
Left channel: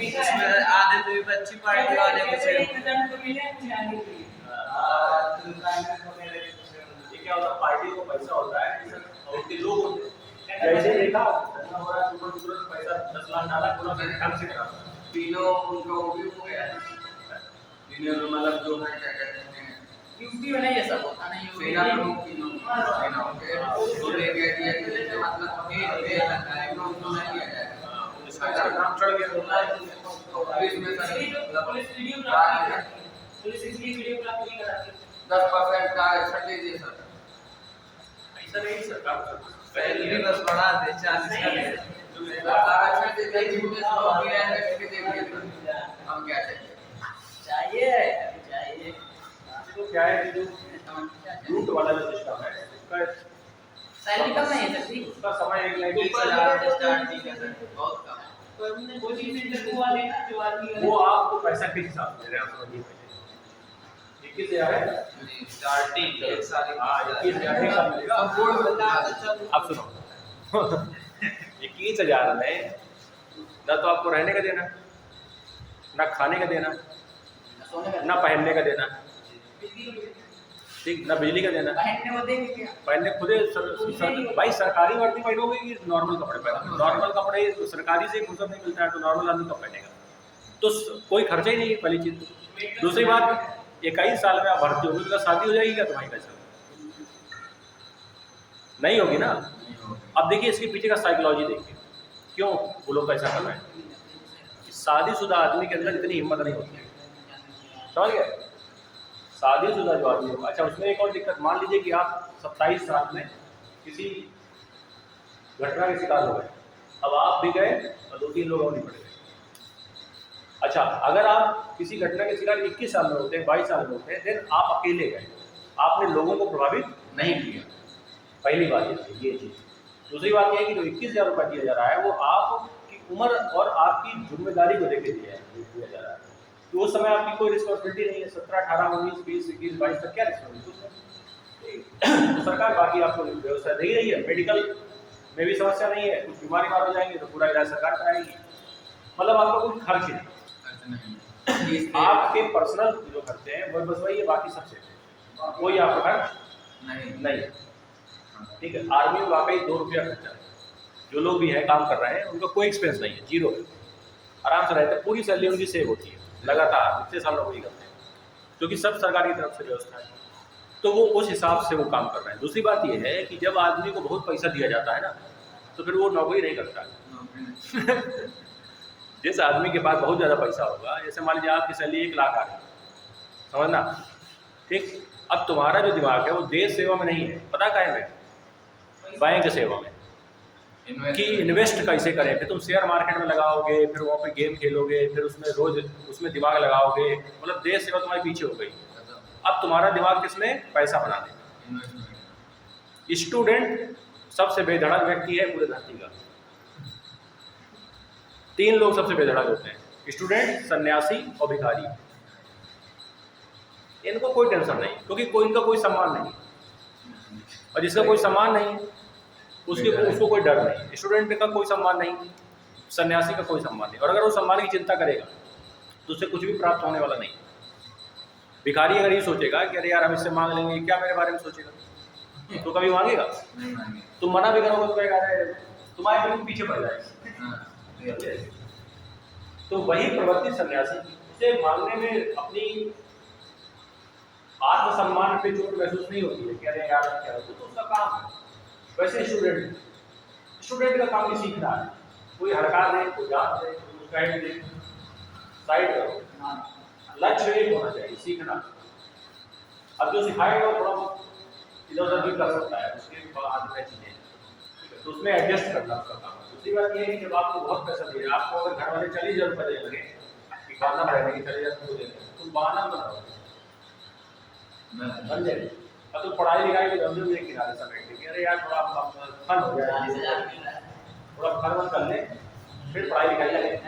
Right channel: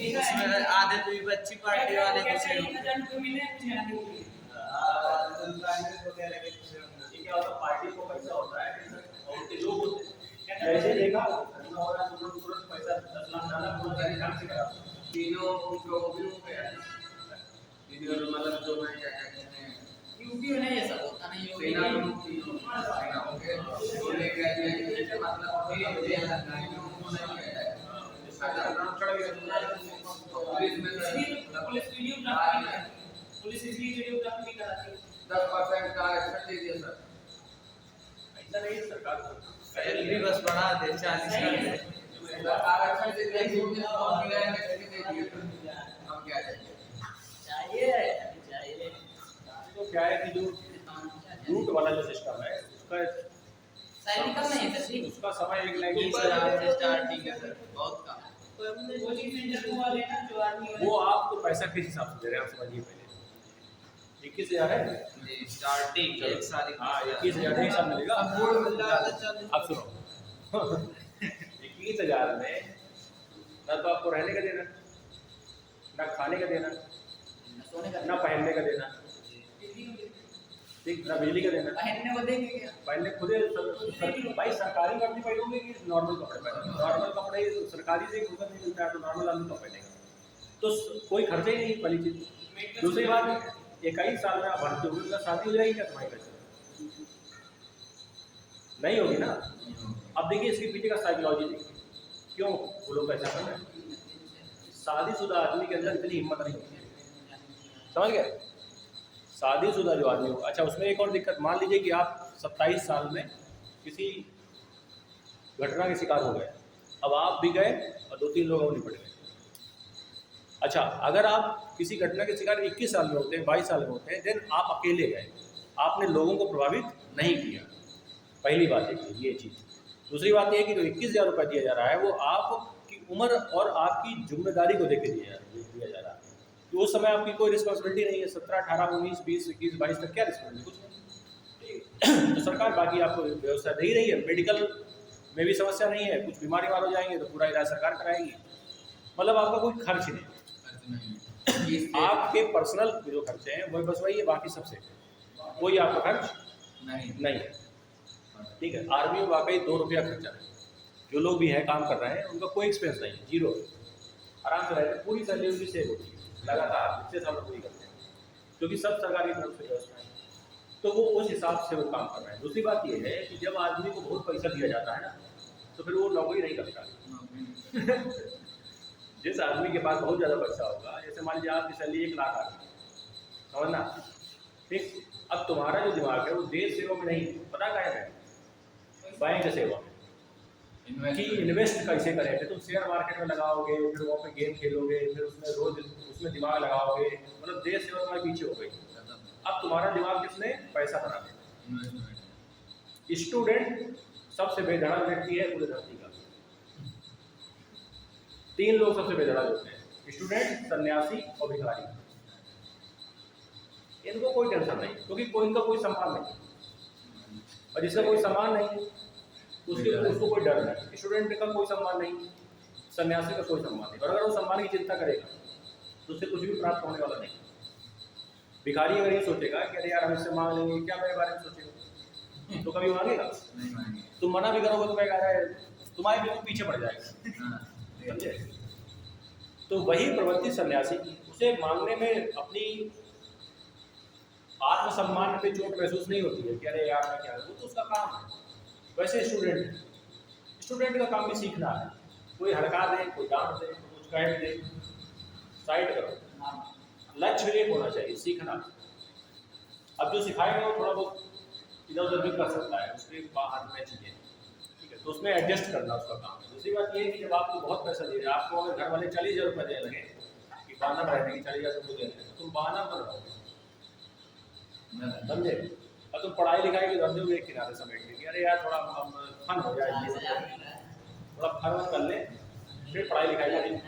इसमें आधे तो भी अच्छी पार्टी वाले को से ये क्या होता है, पार्टी को पैसा होता है और उनके लोग होते हैं। जैसे देखा धंधा हो रहा है, तुरंत पैसा 10 लाख डाला, पूरा ढंग से करा। तीनों उनको भी हो गया है, तीनों मतलब जो है क्या कहते हैं यूपी में नहीं ऐसा होता नहीं सेना प्रमुख तीनों सेना हो गए, तो ले कह दिया कि जैसे मतलब ये लगता है कि उनको नहीं लिया जाएगा, इसका नाम चढ़ गया तो पुलिस में सर पुलिस वीडियोग्राफी पुलिस इसलिए वीडियोग्राफी नहीं कराती 10% का आरक्षण दे दिए सर। ऐसा नहीं सरकार सैलरी बस बढ़ा दे 40 कर दे आरक्षण दे दिए, पुलिस लोग भी आए करके दे दिए सर। हम क्या चाहिए तो क्या है कि जो रूट वाला जो सिस्टम है उसका सैलरी कम नहीं है सर, उसका समय 21,000 से स्टार्टिंग है सर, बहुत कम है। गवर्नमेंट कोचिंग सेंटर को वाले ना जो आदमी वो आपको पैसा किस हिसाब से दे रहे हैं आप समझिए पहले। 21,000 है स्टार्टिंग एक साल हाँ 21,000 के हिसाब मिलेगा। आप सुनो 21,000 में ना तो आपको रहने का देना, ना खाने का देना, ना पहनने का देना, ठीक, ना बिजली का देना। पहनने को देंगे क्या? पहनने खुदे भाई सरकारी वर्दी पहनोगे कि नॉर्मल कपड़े पहनोगे? नॉर्मल कपड़े सरकारी से फुर्सत नहीं मिलता है तो नॉर्मल आदमी कब पहनेगा? तो कोई खर्चा ही नहीं है पहली चीज। दूसरी बात 21 साल में आप भर्ती होगी तो शादी हो जाएगी क्या तुम्हारी? कैसे नहीं होगी ना। अब देखिए इसके पीछे का साइकोलॉजी देखिए, क्यों वो लोग ऐसा कर रहे हैं। शादीशुदा आदमी के अंदर इतनी हिम्मत नहीं होती है, समझ गए? शादीशुदा जो आदमी होगा, अच्छा उसमें एक और दिक्कत, मान लीजिए कि आप 27 साल में किसी घटना के शिकार हो गए, अब आप भी गए और 2-3 लोग और निपट गए। अच्छा अगर आप किसी घटना के शिकार 21 साल में होते हैं, 22 साल में होते हैं, देन आप अकेले गए, आपने लोगों को प्रभावित नहीं किया। पहली बात ये चीज़। दूसरी बात ये कि जो 21,000 रुपये दिया जा रहा है वो आपकी उम्र और आपकी जिम्मेदारी को लेकर दिया जा रहा है। तो उस समय आपकी कोई रिस्पॉन्सिबिलिटी नहीं है। 17, 18, 19, 20, 21, 22 तक क्या रिस्पॉन्सिबिलिटी? तो सरकार बाकी आपको व्यवस्था दे ही रही है। मेडिकल में भी समस्या नहीं है, कुछ बीमारी वाले जाएंगे तो पूरा इलाज सरकार कराएगी, मतलब आपका कोई खर्च नहीं। आपके पर्सनल जो खर्चे हैं वो बस वही है, बाकी सबसे कोई आपका खर्च नहीं। ठीक है, आर्मी में वाकई 2 रुपया खर्चा है। जो लोग भी हैं काम कर रहे हैं उनका कोई एक्सपेंस नहीं है, जीरो, आराम से रहते हैं। पूरी सैलरी उनकी सेव होती है लगातार, इतने साल नौकरी करते हैं, क्योंकि सब सरकार की तरफ से व्यवस्था है। तो वो उस हिसाब से वो काम कर रहे हैं। दूसरी बात ये है कि जब आदमी को बहुत पैसा दिया जाता है ना तो फिर वो नौकरी नहीं करता है। जिस आदमी के पास बहुत ज़्यादा पैसा होगा, जैसे मान लीजिए आपकी सैलरी 1 लाख आ रही है, समझना ठीक। अब तुम्हारा जो दिमाग है वो देश सेवा में नहीं है, पता क्या है, बैंक सेवा में, कि इन्वेस्ट कैसे करें। फिर तुम शेयर मार्केट में लगाओगे, फिर वहाँ पे गेम खेलोगे, फिर उसमें रोज उसमें दिमाग लगाओगे, मतलब देश सेवा तुम्हारे पीछे हो गई। अब तुम्हारा दिमाग किसमें? पैसा बनाने में। स्टूडेंट सबसे बेधड़क व्यक्ति है पूरे धरती का। 3 लोग सबसे बेधड़क होते हैं, स्टूडेंट, सन्यासी और भिखारी। इनको कोई टेंशन नहीं, क्योंकि कोई इनका कोई सम्मान नहीं, और जिसका कोई सम्मान नहीं उसको कोई डर नहीं। स्टूडेंट का कोई सम्मान नहीं, सन्यासी का कोई सम्मान नहीं, और अगर वो सम्मान की चिंता करेगा तो उससे कुछ भी प्राप्त होने वाला नहीं। भिखारी अगर ये सोचेगा कि अरे यार हम इससे मांग लेंगे, क्या मेरे बारे में सोचेगा, तो कभी मांगेगा? तुम मना भी करोगे तो कहेगा तुम्हारे बिल्कुल पीछे पड़ जाएगा। तो वही प्रवृत्ति सन्यासी की, उसे मांगने में अपनी आत्मसम्मान पे चोट महसूस नहीं होती है कि अरे यार क्या है, तो उसका काम है। वैसे स्टूडेंट का काम भी सीखना है। कोई हड़कार दे, कोई डांट दे, कोई गाइड दे, साइड करो। लक्ष्य एक होना चाहिए, सीखना। अब जो सिखाएगा वो थोड़ा बहुत इधर उधर भी कर सकता है, उसके बाद में चीजें, तो उसमें एडजस्ट करना उसका काम है। दूसरी बात ये है कि जब आपको बहुत पैसा दे, आपको अगर घर वाले 40,000 रुपये देने लगे कि बहाना बढ़ाएगा कि 40,000 रुपये देंगे, तो बहाना बन रहा समझे। अब तो पढ़ाई लिखाई के धंधे में एक किनारे समेट के, अरे यार थोड़ा फन हो जाए, थोड़ा फन वन कर ले, फिर पढ़ाई लिखाई लगे।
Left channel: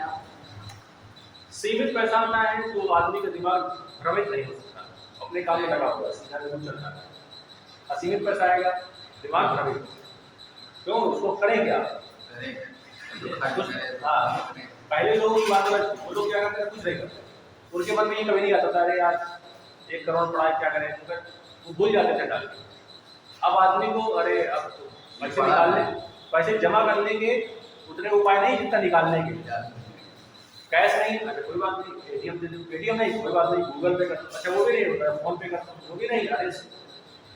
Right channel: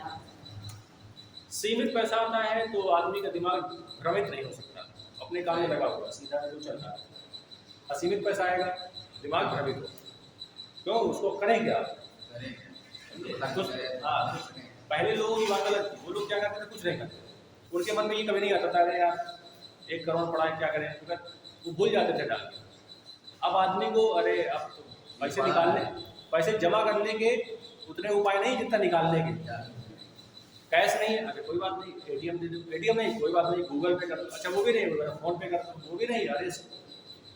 सीमित पैसा आता है तो आदमी का दिमाग भ्रमित नहीं हो सकता, अपने काम में लगा हुआ सीधा बिल्कुल चलता है। असीमित पैसा आएगा, दिमाग भ्रमित हो, क्यों? उसको करें क्या? हाँ, पहले लोगों की बात अलग थी, वो लोग क्या करते थे, कुछ नहीं करते, उनके मन में ये कभी नहीं आता था अरे यार 1 करोड़ पड़ा है क्या करें, वो भूल जाते थे डाल के। अब आदमी को अरे अब पैसे निकालने, पैसे जमा करने के उतने उपाय नहीं जितना निकालने के। कैश नहीं, अरे कोई बात नहीं, एटीएम दे दो, एटीएम नहीं कोई बात नहीं, गूगल पे कर दो, अच्छा वो भी नहीं होता, फोन पे कर दो, वो भी नहीं, अरे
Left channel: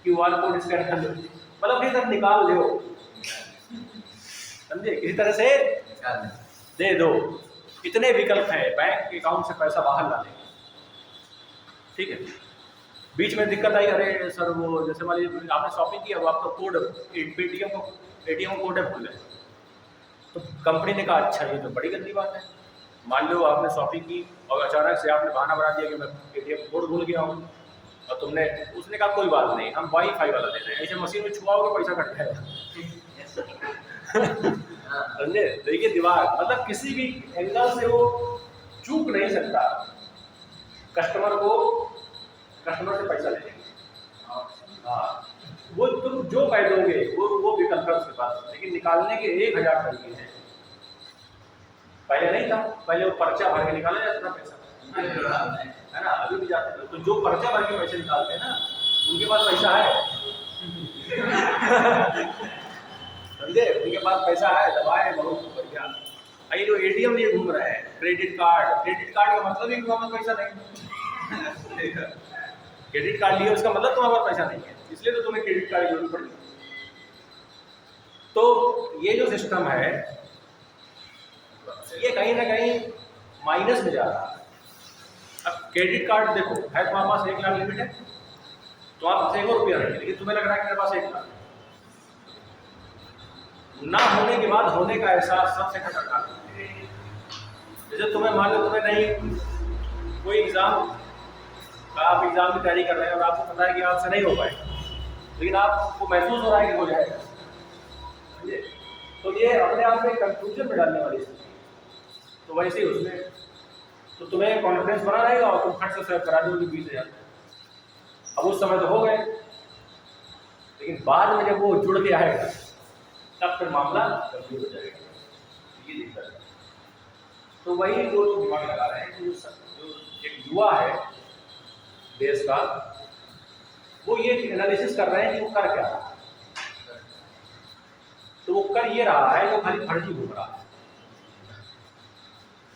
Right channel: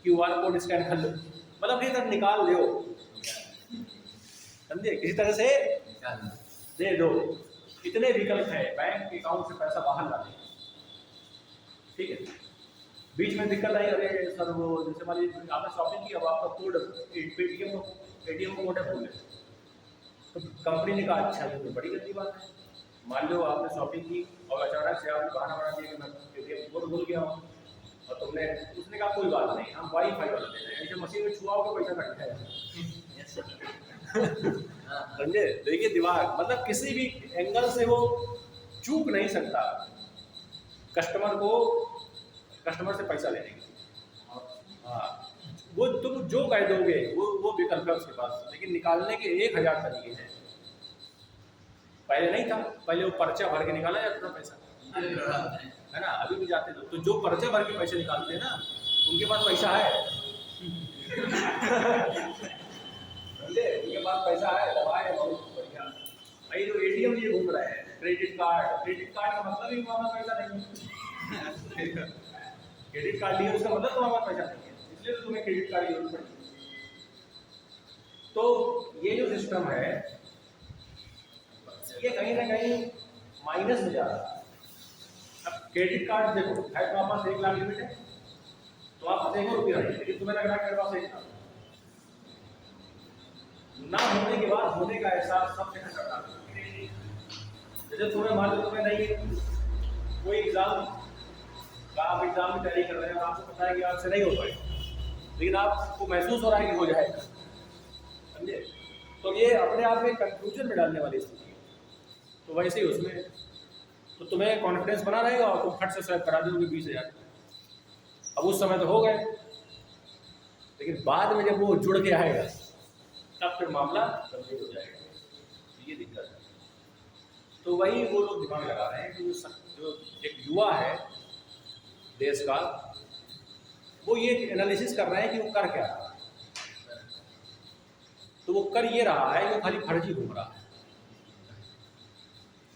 QR कोड स्कैन कर दो, मतलब अपनी तरफ निकाल दो, समझे, किसी तरह से दे दो। इतने विकल्प हैं बैंक अकाउंट से पैसा बाहर लाने के, ठीक है। बीच में दिक्कत आई, अरे सर वो जैसे मान लीजिए आपने शॉपिंग की, अब आपका कोड एटीएम का कोड है भूल गए, तो कंपनी ने कहा अच्छा ये तो बड़ी गंदी बात है। मान लो आपने शॉपिंग की और अचानक से आपने बहाना बना दिया कि मैं एटीएम कोड भूल गया हूँ, और तुमने, उसने कहा कोई बात नहीं हम वाईफाई वाला दे रहे हैं, ऐसे मशीन में छुआओगे पैसा कट जाएगा। समझे, देखिए दिमाग, मतलब किसी भी एंगल से वो चूक नहीं सकता कस्टमर से पैसा लेने की। हाँ, वो तुम जो कह दोगे वो विकल्प है उसके पास, लेकिन निकालने के 1000 तरीके हैं। पहले नहीं था, पहले वो पर्चा भर के निकाला जाता था पैसा, है ना, अभी भी जाते थे, तो जो पर्चा भर के पैसे निकालते हैं ना उनके पास पैसा है। समझे, उनके पास पैसा है, दबाए बहुत बढ़िया। ये जो एटीएम लिए घूम रहे हैं, क्रेडिट कार्ड का मतलब ही तुम्हारे पास पैसा नहीं है। क्रेडिट कार्ड लिए उसका मतलब तुम्हारे पास पैसा नहीं है, इसलिए तो तुम्हें क्रेडिट कार्ड की जरूरत पड़ी। तो ये जो सिस्टम है ये कहीं ना कहीं माइनस में जा रहा है। अब क्रेडिट कार्ड देखो है, तुम्हारे पास 1 लाख लिमिट है, तुम्हारे पास 1 रुपया नहीं है, लेकिन तुम्हें लग रहा है कि मेरे पास 1 लाख ना होने के बाद होने का एहसास सबसे खतरनाक है। जैसे तुम्हें मान लो तुम्हें नहीं कोई एग्जाम का, आप एग्जाम की तैयारी कर रहे हैं और आपको पता है कि आपसे नहीं हो पाएगा, लेकिन आपको महसूस हो रहा है कि हो जाएगा, समझे, तो ये अपने आप में कंफ्यूजन में डालने वाली स्थिति। तो वैसे ही उसमें तो तुम्हें कॉन्फिडेंस बना रहेगा और तुम फट से स्वैप करा दोगे 20,000। अब उस समय तो हो गए, लेकिन बाद में जब वो जुड़ के आएगा तब फिर मामला गंभीर हो जाएगा, ये दिक्कत है। तो वही वो लोग दिमाग लगा रहे हैं कि जो एक युवा है देश का, वो ये एनालिसिस कर रहे हैं कि वो कर क्या रहा है। तो वो कर ये रहा है, वो खाली फर्जी घूम रहा है,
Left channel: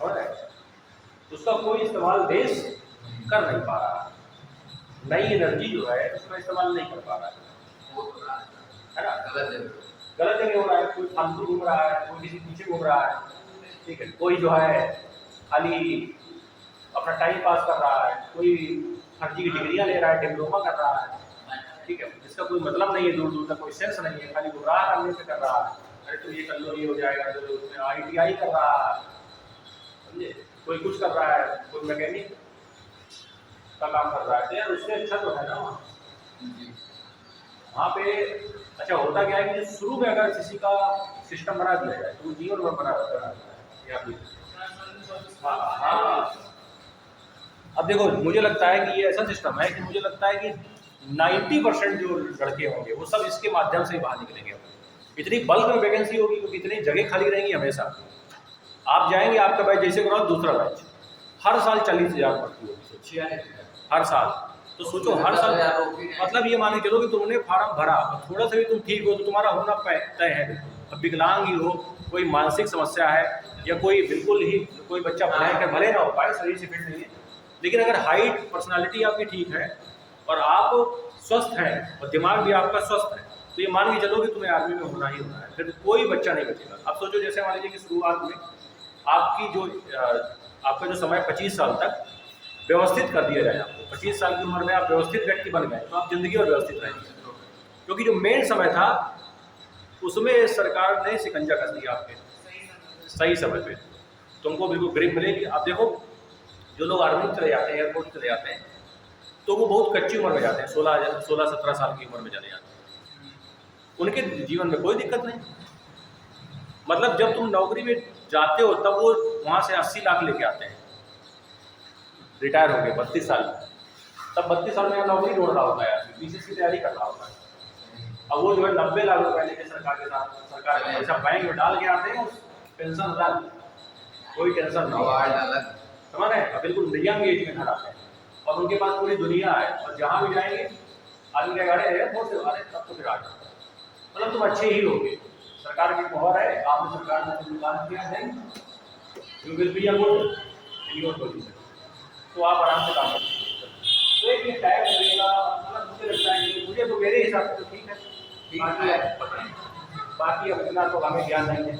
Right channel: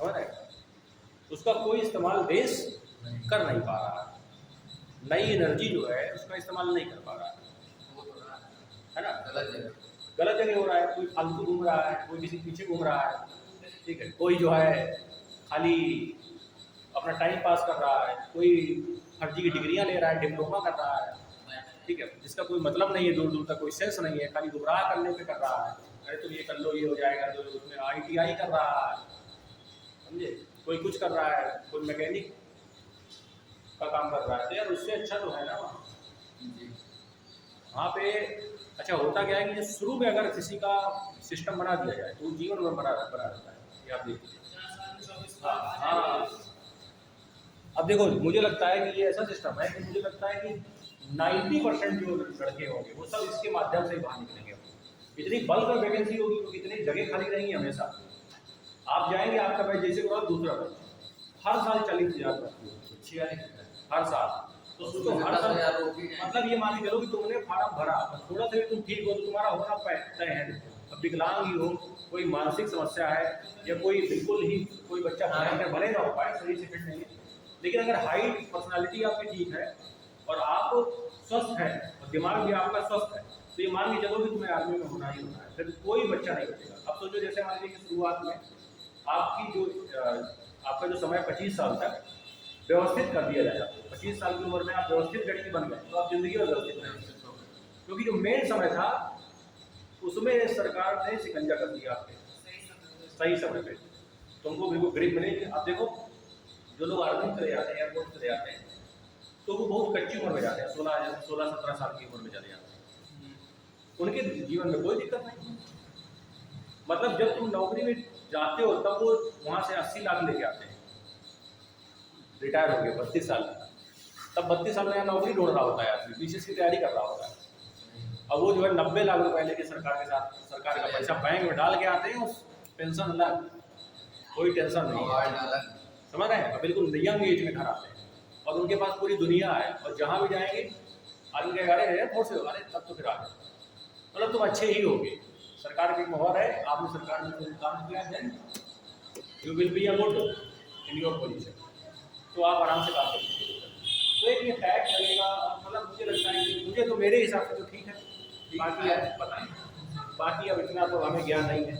और उसका कोई इस्तेमाल देश कर नहीं पा रहा है। नई एनर्जी जो है उसका इस्तेमाल नहीं कर पा रहा है ना, गलत जगह हो रहा है। कोई फालतू घूम रहा है, कोई किसी पीछे घूम रहा है, ठीक है, कोई जो है खाली अपना टाइम पास कर रहा है, कोई फर्जी की डिग्रियाँ ले रहा है, डिप्लोमा कर रहा है, ठीक है, जिसका कोई मतलब नहीं है, दूर दूर तक कोई सेंस नहीं है, खाली गुमराह करने पे कर रहा है। अरे तो ये कर लो, ये हो जाएगा, तो उसमें ITI कर रहा है, समझे, कोई कुछ कर रहा है, कोई मैकेनिक का काम कर रहा है, तो यार उससे अच्छा तो है ना वहाँ पे। अच्छा होता क्या है कि शुरू में अगर किसी का सिस्टम बना दिया जाए तो जीवन भर बना रहता है। हाँ, अब देखो मुझे लगता है कि ये ऐसा सिस्टम है कि मुझे लगता है कि 90% जो लड़के होंगे वो सब इसके माध्यम से ही बाहर निकलेंगे। इतनी बल्क में वैकेंसी होगी क्योंकि इतनी जगह खाली रहेंगी हमेशा। आप जाएंगे, आपका बैच जैसे करो दूसरा बैच, हर साल 40,000 भर्ती होगी हर साल। तो सोचो हर साल, मतलब ये मान के चलो कि तुमने फार्म भरा, थोड़ा सा भी तुम ठीक हो तो तुम्हारा होना तय है। अब विकलांग ही हो, कोई मानसिक समस्या है, या कोई बिल्कुल ही कोई बच्चा भले ना हो पाए, शरीर से फिट नहीं है, लेकिन अगर हाइट पर्सनालिटी आपकी ठीक है और आप स्वस्थ हैं और दिमाग भी आपका स्वस्थ है, तो ये मान के चलो कि तुम्हें आर्मी में होना ही होना है, फिर कोई बच्चा नहीं बचेगा। अब सोचो जैसे मान लीजिए कि शुरुआत में आपकी जो आपका जो समय 25 साल तक व्यवस्थित कर दिया जाए आपको, 25 साल की उम्र में आप व्यवस्थित व्यक्ति बन गए तो आप जिंदगी और व्यवस्थित रहेंगे। क्योंकि जो मेन समय था उसमें सरकार ने शिकंजा कस दिया आपके सही समय पे, तुमको बिल्कुल ग्रिप मिलेगी। आप देखो जो लोग आर्मी में चले जाते हैं, एयरफोर्स चले जाते हैं, तो वो बहुत कच्ची उम्र में जाते हैं, 16-17 साल की उम्र में चले जाते हैं, उनके जीवन में कोई दिक्कत नहीं। मतलब जब तुम नौकरी में जाते हो तब वो वहाँ से 80 लाख लेके आते हैं, रिटायर हो गए 32 साल में, तब 32 साल में यहाँ नौकरी ढूंढ रहा होता है आदमी, बीसीएस की तैयारी कर रहा होता है। अब वो जो है 90 लाख रुपए लेके सरकार के साथ, सरकार का पैसा बैंक में डाल के आते हैं, उस पेंशन अलग, कोई टेंशन नहीं, अवार्ड अलग, समझ रहे हैं, बिल्कुल यंग एज में घर आते हैं और उनके पास पूरी दुनिया है, और जहाँ भी जाएंगे आदमी क्या गाड़े एयरपोर्ट से अरे तब तो फिर आ जाओ, मतलब तुम अच्छे ही होगे, सरकार की मोहर है, आपने सरकार में जो काम किया है, you will be a good in your position, तो आप आराम से काम कर सकते हो। तो एक ये टाइम लगेगा, मतलब मुझे लगता है कि मुझे तो मेरे हिसाब से तो ठीक है, बाकी है पता नहीं, बाकी अब इतना तो हमें ज्ञान नहीं है,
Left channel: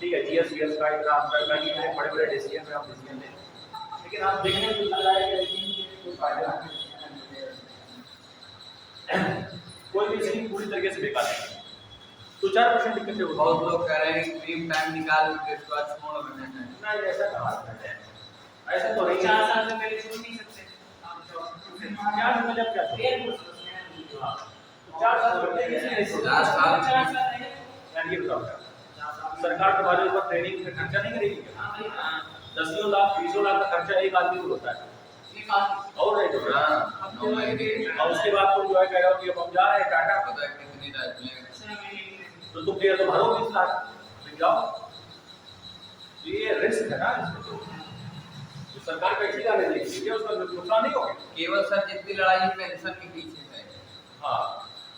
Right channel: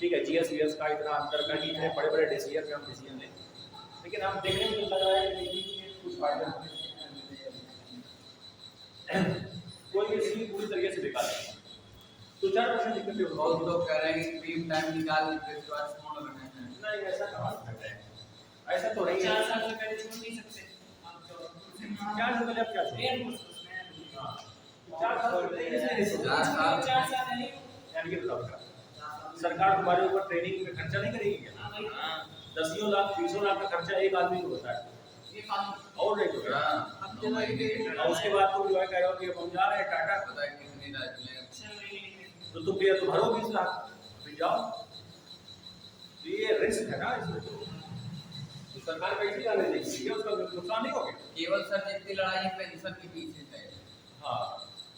ठीक है, जीएस वीएस का इतना अंदर का नहीं है, बड़े बड़े डिसीजन में आप डिसीजन ले, लेकिन आप देखने में लग रहा है कि कुछ फायदा कोई भी चीज पूरी तरीके से बेकार है। 2-4% दिक्कत है, बहुत लोग कह रहे हैं कि ड्रीम टाइम निकाल के इसके बाद छोड़ देना है। नहीं ऐसा कहाँ करते हैं, ऐसे तो नहीं, 4 साल से पहले छोड़ नहीं सकते आप जॉब। 4 साल जब क्या छोड़े? एयरफोर्स में हाँ 4 साल होते हैं इसलिए 4 साल 4 साल है। यार ये बताओ क्या सरकार तुम्हारे ऊपर ट्रेनिंग पे खर्चा नहीं करेगी क्या? हाँ भाई, हाँ 10 लाख 20 लाख का खर्चा एक आदमी को होता है, ये बात और नहीं तो हाँ, 9 महीने और उसके बाद तुम जो है कह रहे हो कि अब हम जा रहे हैं टाटा, पता है कितनी रात में 6 महीने की है। तो तुम तो भरो 20 लाख फिर जाओ, तो ये रिस्क है ना इसमें, तो सरकार कैसे जाने देगी, ये उसका नुकसान नहीं होगा। केवल सर जितनी लड़ाई पेंशन के पीछे है, हाँ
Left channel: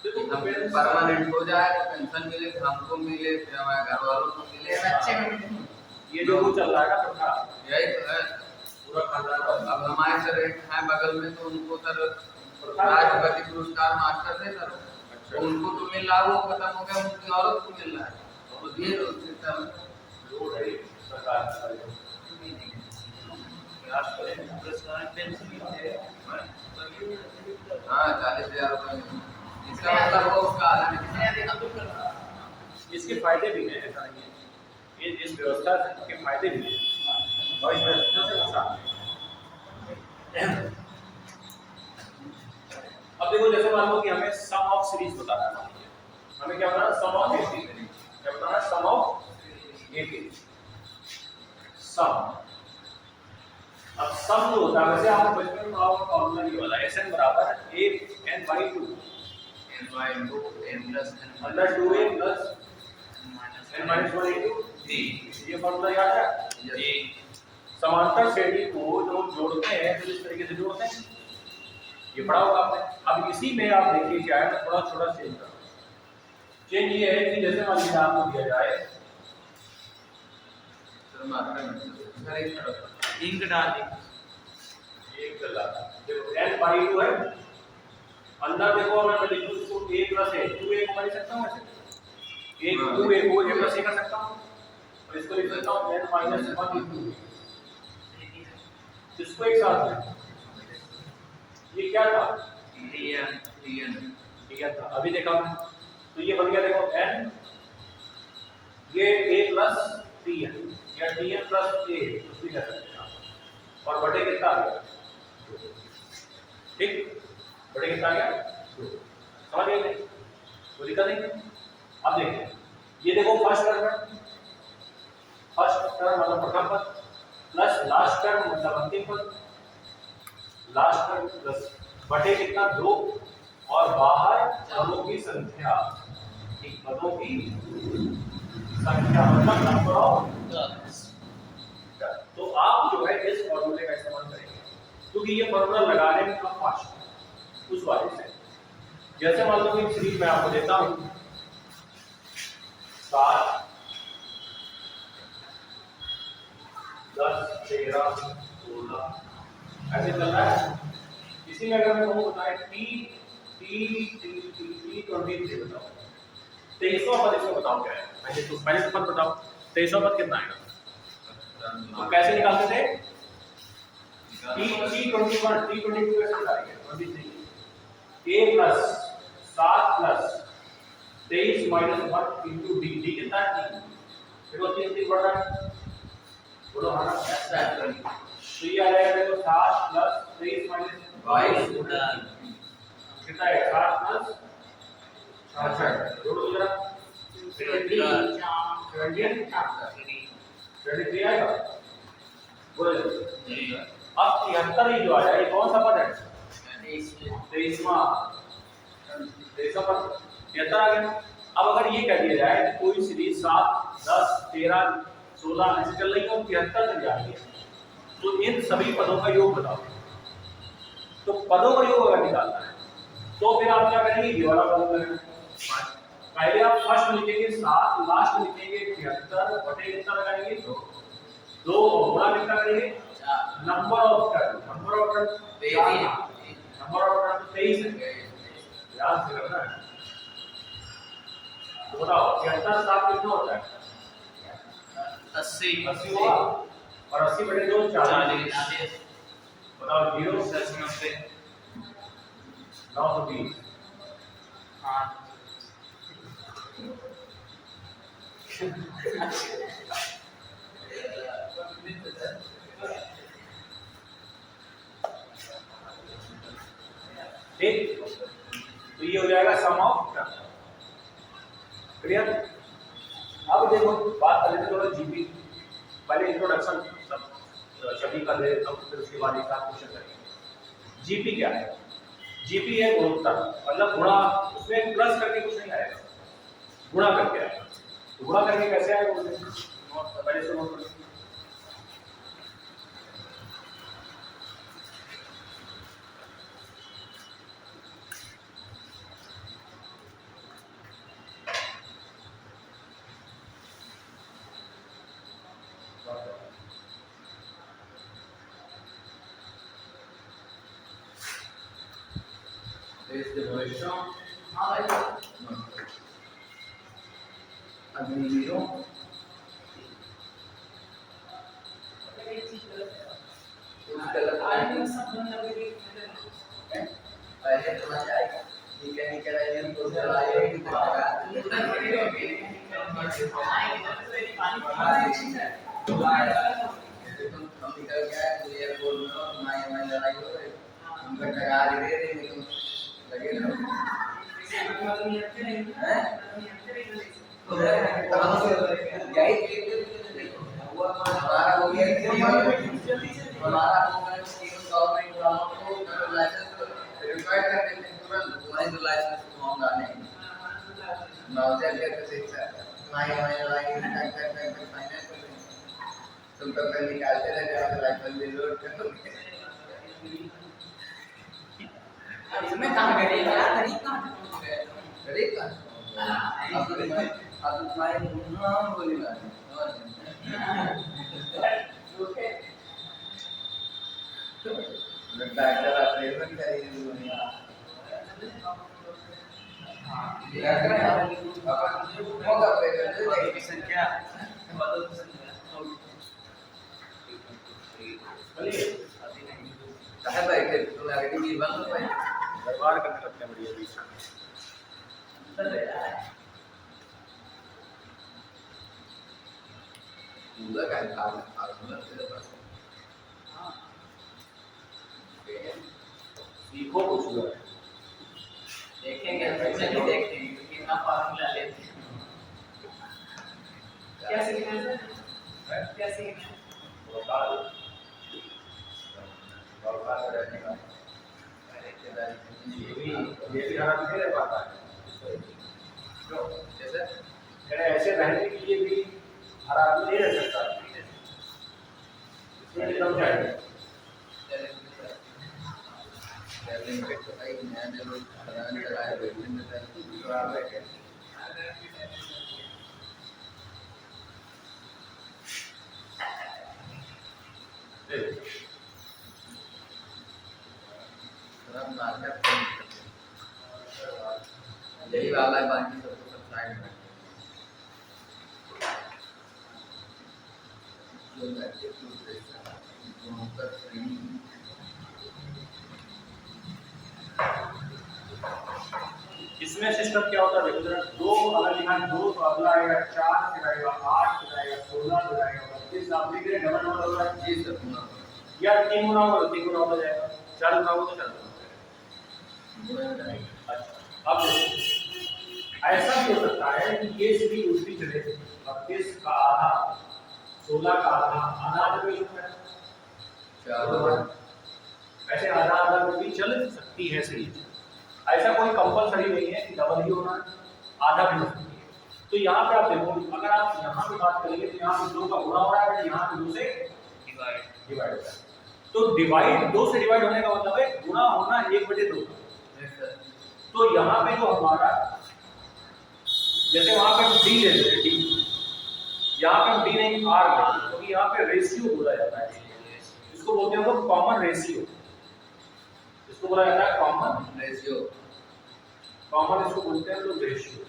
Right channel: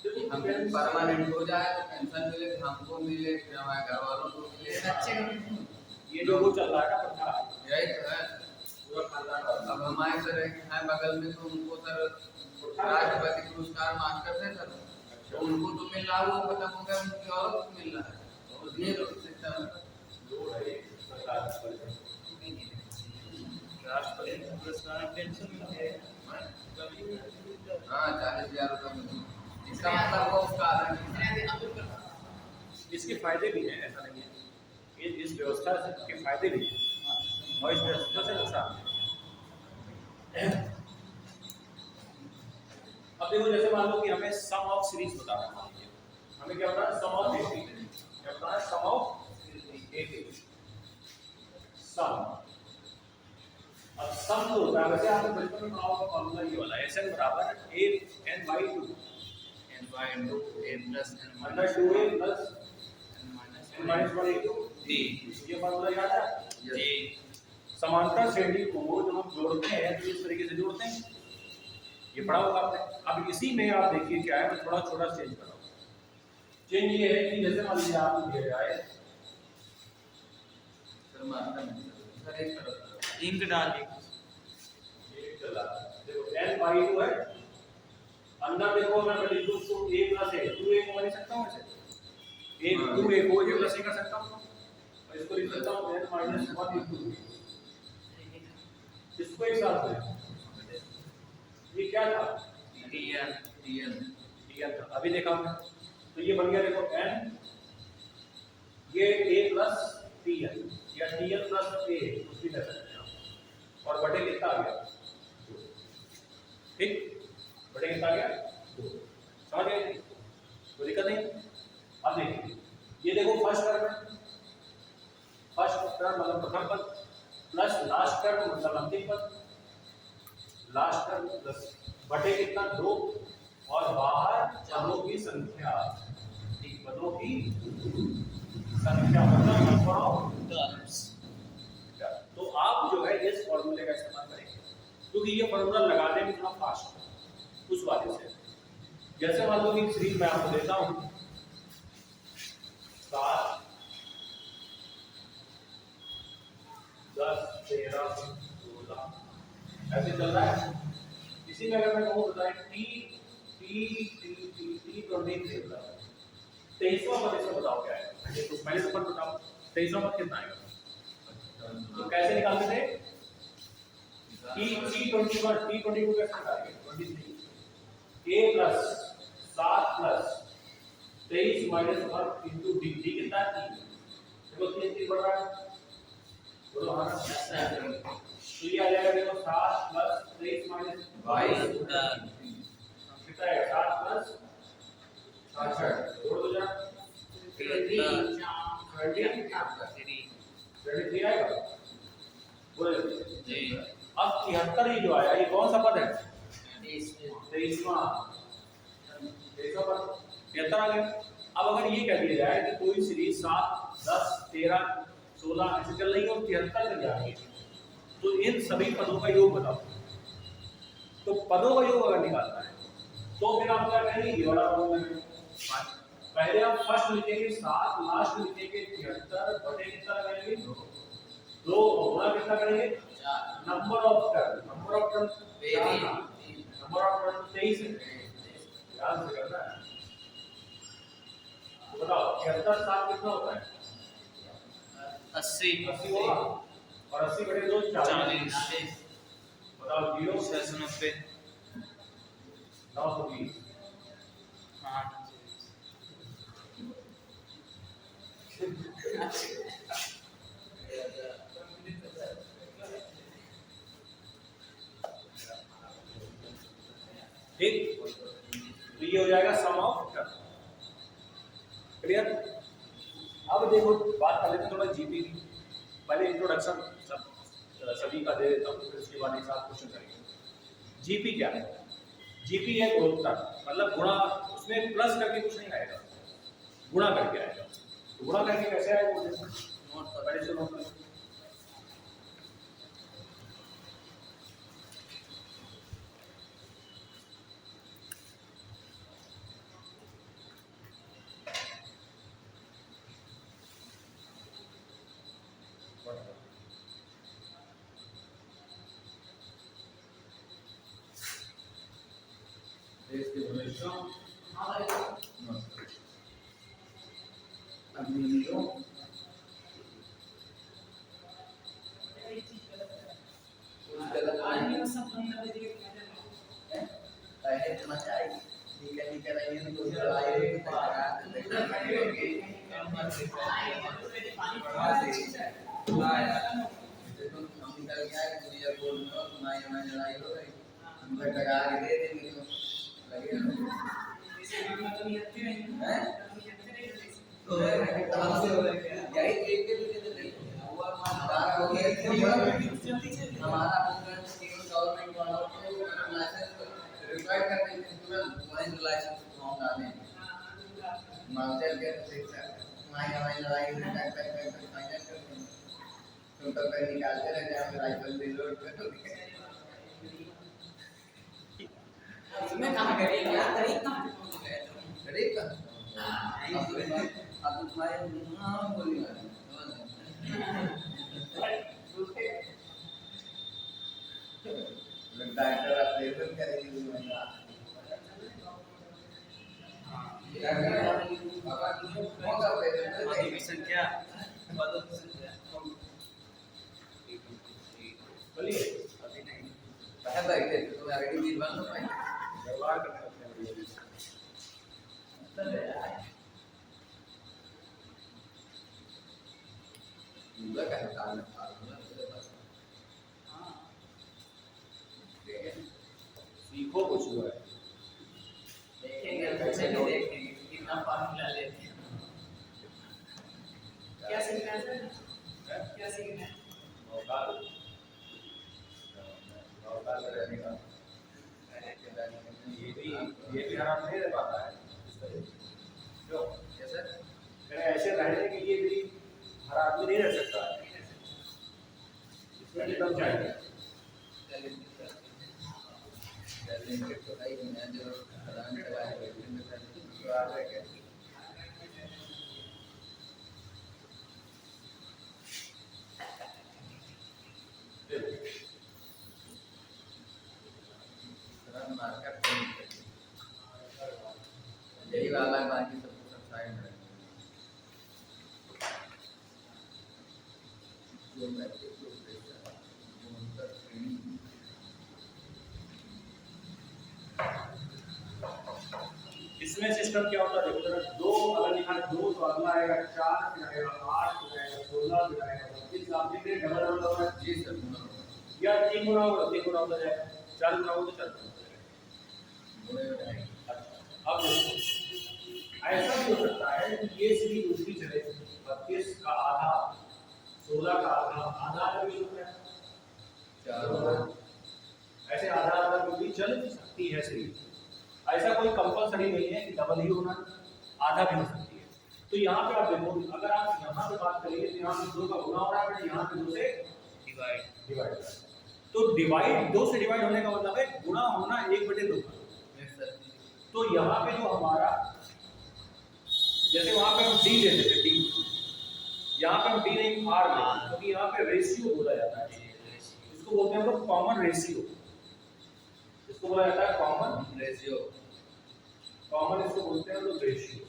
देखो हम पेंशन- परमानेंट हो जाए तो पेंशन मिले, हमको मिले, फिर हमारे घर वालों को मिले, बच्चे को भी ये जो वो चल रहा है ना प्रथा, यही तो है। पूरा खानदान वाला। अब हमारे सर एक है बगल में, तो उनको सर राष्ट्रपति पुरस्कार मास्टर थे सर, तो उनको तो मिल रहा, वो खत्म हो गया, उनकी औरत को मिल रहा है, तो ये तो सिस्टम जोर है सरकार का, प्रयास करें पुरस्कार पेंशन है। हाँ 40,000 रुपये, इसका मतलब वो उसका आधा इसके फायदे भी हैं, ऐसा नहीं है, ये इस व्यवस्था से के फायदे भी हैं और इस व्यवस्था से नुकसान है। अब देखो जैसे मान लो कि हमें सम ऑफ सीरीज बताना है, मान लीजिए हमें क्या बताना है, सम ऑफ 80, क्या बताना है, सम ऑफ 80, सम। अब सम जो होता है वैसे आप बचपन में आप फॉर्मूला ये वाला Sn बराबर n/2 under 2a plus n-1 ये फॉर्मूला याद है। समांतर श्रेणी को जो जोड़ते हैं तो इस तरीके से जोड़ते हैं, ये पढ़ा होगा आपने। अब इसी में आप देखिए क्या है, तो थोड़ा थोड़ा चेंज करो। चेंज ये है कि जैसे मान लीजिए आपको दिया जाए इंक डाल दी, एक चला देखो n/2 है, अंदर देखो अगर मैं लिखूं इसको a + a 2a को मैं लिख सकता हूं ऐसे, एक 2a को a + a कर सकता हूं, और इसको लिख सकता हूं n-1 इसको एक साथ में, ये क्या था, ठीक है था, अभी देखा हमने, तो ये बन गया देखो n, ये a + tn या tn + a भी कर सकते हैं आप, और बटे कितना आ गया, ठीक, बटे कितना आ गया, समझ गए, कोई दिक्कत नहीं। अब देखिए ये देखो फर्स्ट टर्म मतलब प्रथम पद प्लस लास्ट टर्म मतलब अंतिम पद, लास्ट टर्म प्लस बटे कितना 2, और बाहर पदों की संख्या, ठीक, पदों की संख्या मतलब नंबर ऑफ टर्म्स। तो आप जो है इस फॉर्मूले का इस्तेमाल करेंगे, क्योंकि ये फॉर्मूला लगाने में थोड़ा फास्ट है उस वाले से। जैसे मान लो कि सीरीज मैं आपको देता हूं 7 10 13 16 ऐसे चल रहा है। इसी में अगर मैं कहूँ बताएं T 23 बताओ, 23वां पद इसमें बताओ क्या है, पहले तो पद बताओ 23वां पद कितना आएगा। तो कैसे निकालते थे, T21 T22 कैसे निकालेंगे, 23 a plus 7 plus 23 minus 1 into D, D कितना है 3, देखो 3 3 बढ़ रहा है, बोलो हाँ ना, तो ये आ जाएगा देखो 7 प्लस 23 माइनस 22 कितना है 7 प्लस 66 जोड़ दो जरा 23 आएगा, बोलो अब 73 ये जो आया ये कौन सा पद है, 23वां पद 73 आ गया। अब अगर ये कह दिया जाए कि कोई सीरीज 7 10 13 16 ऐसे चल रही हो 73 तक जा रही है, तो इन सभी पदों का योग बताओ। तो पदों का योग अगर निकालना है तो फिर आप क्या करेंगे, ये वाला पद करेंगे, पहले आप फर्स्ट में लिखेंगे 7, लास्ट में लिखेंगे 73 बटे कितना लगाएंगे 2 गुणा कितना करेंगे number of turn, number of turn 23 है, ध्यान से करना है। तो बताओ 73 7 कितना होता है 80 हुआ, और 80 बटे 2 40, बताओ 0 920 ठीक, तो ये हो जाएगा सम ऑफ टर्म, क्लियर। अब देखो बात कर लेते थोड़ा जीपी, पहले इंट्रोडक्शन सभी कर ले, तब फिर उसके बाद एक साथ क्वेश्चन करेंगे। जीपी क्या है, जीपी है गुणोत्तर, मतलब गुणा, उसमें प्लस करके कुछ नहीं आएगा, गुणा करके आएगा। गुणा करके कैसे आएगा नोट पहले से नोट करो। व्यवहार करने लगते हैं बढ़िया बीच सीखो कुछ लोग देखेंगे, चलिए देखेंगे कितना फार्मूला लेते हैं। क्या सीखना है सर, क्या सीखना है, ये भी हरा नहीं रह पाता है, क्यों जैसे ऐसे रहने के लिए भी हरा आदमी नहीं रह सकता, इसमें कम जाएगा। यही वाला है, बाकी सब साइड में इसमें सिस्टम क्या होता है देखो जरा, दो अगर लिखा है दो तो अगला आएगा 4 फिर आएगा 8 फिर आएगा 16 फिर आएगा 25 आप देख रहे हैं डबल डबल हो रहा है। जी सर गुना या 3 गुना होगा तो 3 गुना हो जाएगा, 4 गुना होगा तो 4 गुना। अच्छा अब देखो ऐसा भी हो सकता है कि ये सीधी उल्टी चले, 32 का आधा 16 का आधा आधा आधा भी होता है, ऐसे आधा आधा में भी चल सकती है सही। ऐसा कोई कंपलसरी नहीं है कि डबल ही होना है, आधा भी हो सकती है। तो यहाँ पे आप देखो अगर आप यहाँ पे बात करेंगे तो यहाँ पे 2 का गुणा हो रहा है, यहाँ पे 2 से डिवाइड हो रहा है। तो डिवाइड 2 से डिवाइड होने का मतलब है गुणा होना 1/2 का। तो यहाँ पे जो हमारा जैसे वहाँ पे हम डी ले लेते डी, यहाँ पे हम डी नहीं आर लेते क्योंकि यहाँ पे रेशियो बोला जाता है, इसको बोलते हैं हम लोग कॉमन रेशियो, इसको बोला जाता है कॉमन रेशियो, कॉमन इसको बोलते हैं लोग रेशियो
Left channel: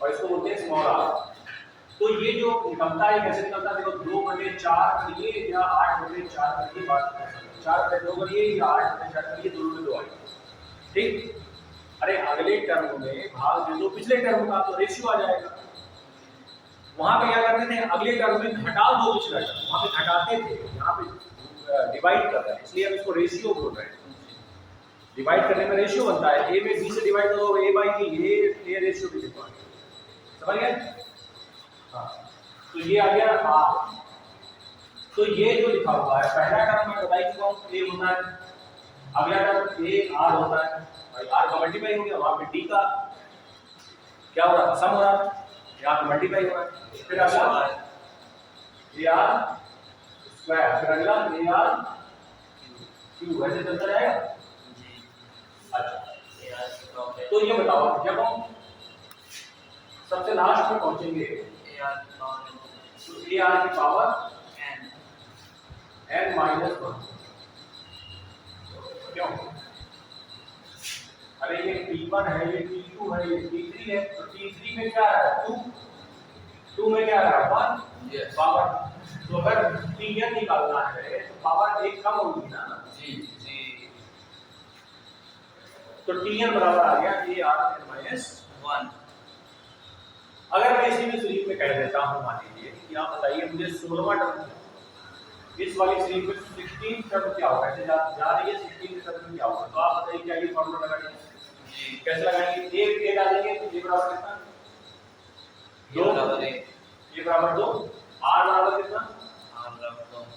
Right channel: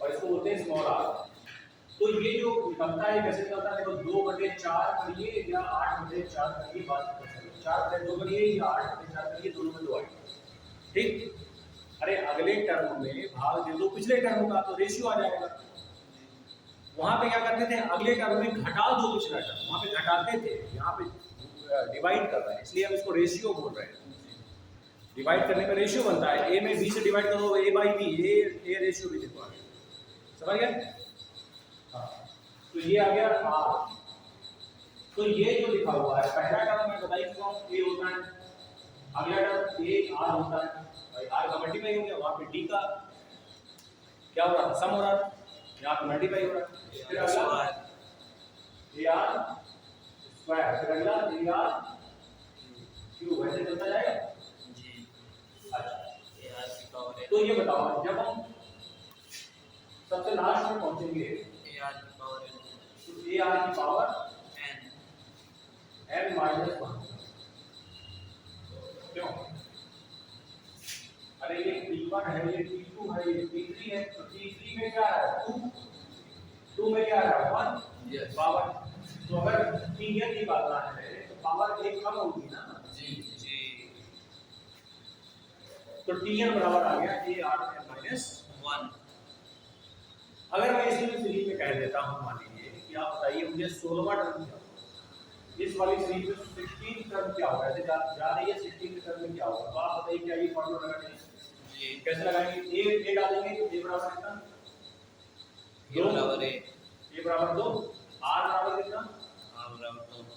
और इसको बोलते हैं स्मॉल आर। तो ये जो निकलता है कैसे निकलता है देखो 2/4 करिए या 8/4 करिए, बात कर सकते हैं 4/2 करिए या 8/4 करिए, दोनों में 2 आएगा ठीक। अरे अगले टर्म में भाग दे दो पिछले टर्म का तो रेशियो आ जाएगा। वहां पे क्या करते थे अगले टर्म में घटा दो पिछला टर्म, वहां पे घटाते थे, यहाँ पे डिवाइड कर रहे हैं इसलिए हम इसको रेशियो बोल रहे हैं। डिवाइड करने में रेशियो बनता है, a में b से डिवाइड करो a/b, a रेशियो भी देखो समझ गए। हाँ तो ये आ गया r। तो ये जो लिखा हुआ है पहला टर्म मैं बता चुका हूँ a होता है, अगला टर्म a r होता है, भाई r का मल्टीप्लाई हो गया, वहां पे d का क्या हो रहा है सम हो रहा है, यहाँ पे मल्टीप्लाई हो रहा है, फिर अगला ar स्क्वायर, फिर अगला ar क्यूब, वैसे चलता जाएगा। अच्छा तो ये बताओ जब हम सबसे लास्ट में पहुंचेंगे तो ए आर की पावर n -1 क्यों, अरे ये P1 है, ये P2 है, ये P3 है, तो P3 में क्या है 2, 2 में क्या है 1 पावर। तो अगर Tn निकालना है तो पावर एक कम होगी ना जी तो Tn बराबर आ गया ARn-1। अगर मैं इसी में सीरीज में कह देता हूं मान लीजिए कि आप बताइए मुझे 16वां टर्म, इस वाली सीरीज में 16 टर्म क्या होगा, ऐसे जा रही है 16 टर्म में क्या होगा, तो आप बताइए क्या ये फॉर्मूला लगाएंगे कैसे लगाएंगे, a डालेंगे तो a बराबर कितना 2 बराबर a बराबर 2, r बराबर कितना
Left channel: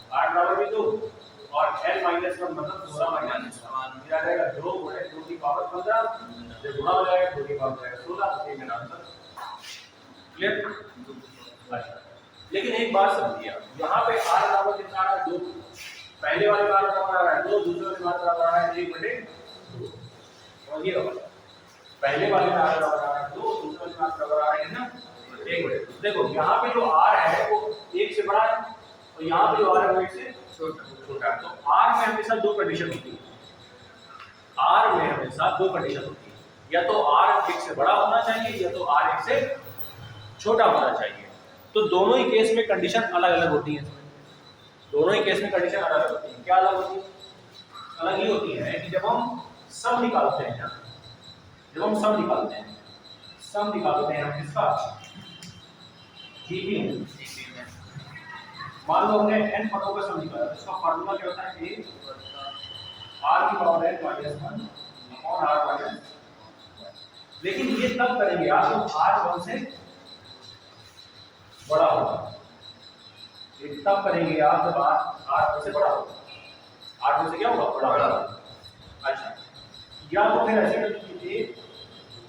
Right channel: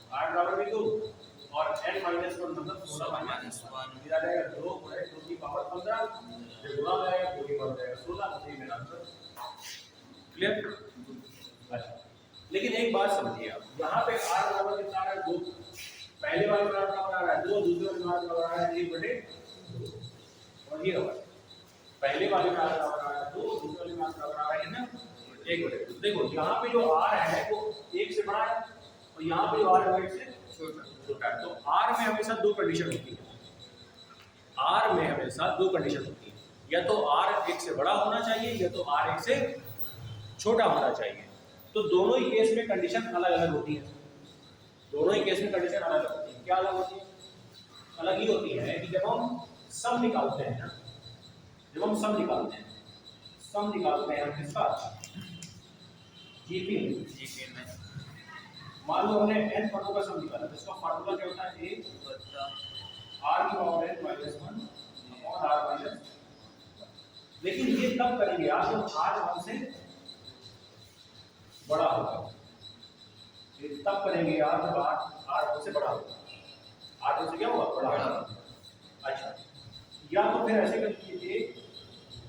r बराबर भी 2 और n-1 मतलब 16 -1 ये आ जाएगा 2 गुणे 2 की पावर 15, जब गुणा हो जाएगा 2 की पावर जाएगा 16, तो ये मेरा आंसर क्लियर। अच्छा लेकिन एक बात समझिए आप यहाँ पे r बराबर कितना आ रहा है 2, पहले वाले r बराबर आ रहा है 2, दूसरे वाले r बराबर आ रहा है 1/2 और ये रहा पहले वाले में r बराबर आ रहा है 2, दूसरे वाले में r बराबर आ रहा है ना 1/2। देखो यहाँ पे जो r है वो 1 से बड़ा है और यहाँ पे जो r है वो 1 से छोटा है। तो r में हमेशा दो कंडीशन होती है, r में हमेशा दो कंडीशन होती है, या तो r 1 से बड़ा होना चाहिए या तो r 1 से छोटा होना चाहिए। तो दोनों ही केस में कंडीशन अलग अलग होती है, दोनों ही केस में कंडीशन अलग अलग होती है। क्या अलग होती है, अलग ही होती है कि जब हम सम निकालते हैं ना, जब हम सम निकालते हैं हम किसका जीपी में, मान लो हमने n पदों का सम निकाला, इसका फार्मूला क्या होता है a r की पावर n -1 अपॉन r -1। लेकिन ये तब करेंगे आप जब r 1 से बड़ा होगा, ये तब करेंगे आप जब r 1 से बड़ा होगा, r 1 से क्या होगा बड़ा होगा। अच्छा या तो फिर ऐसे कर लीजिए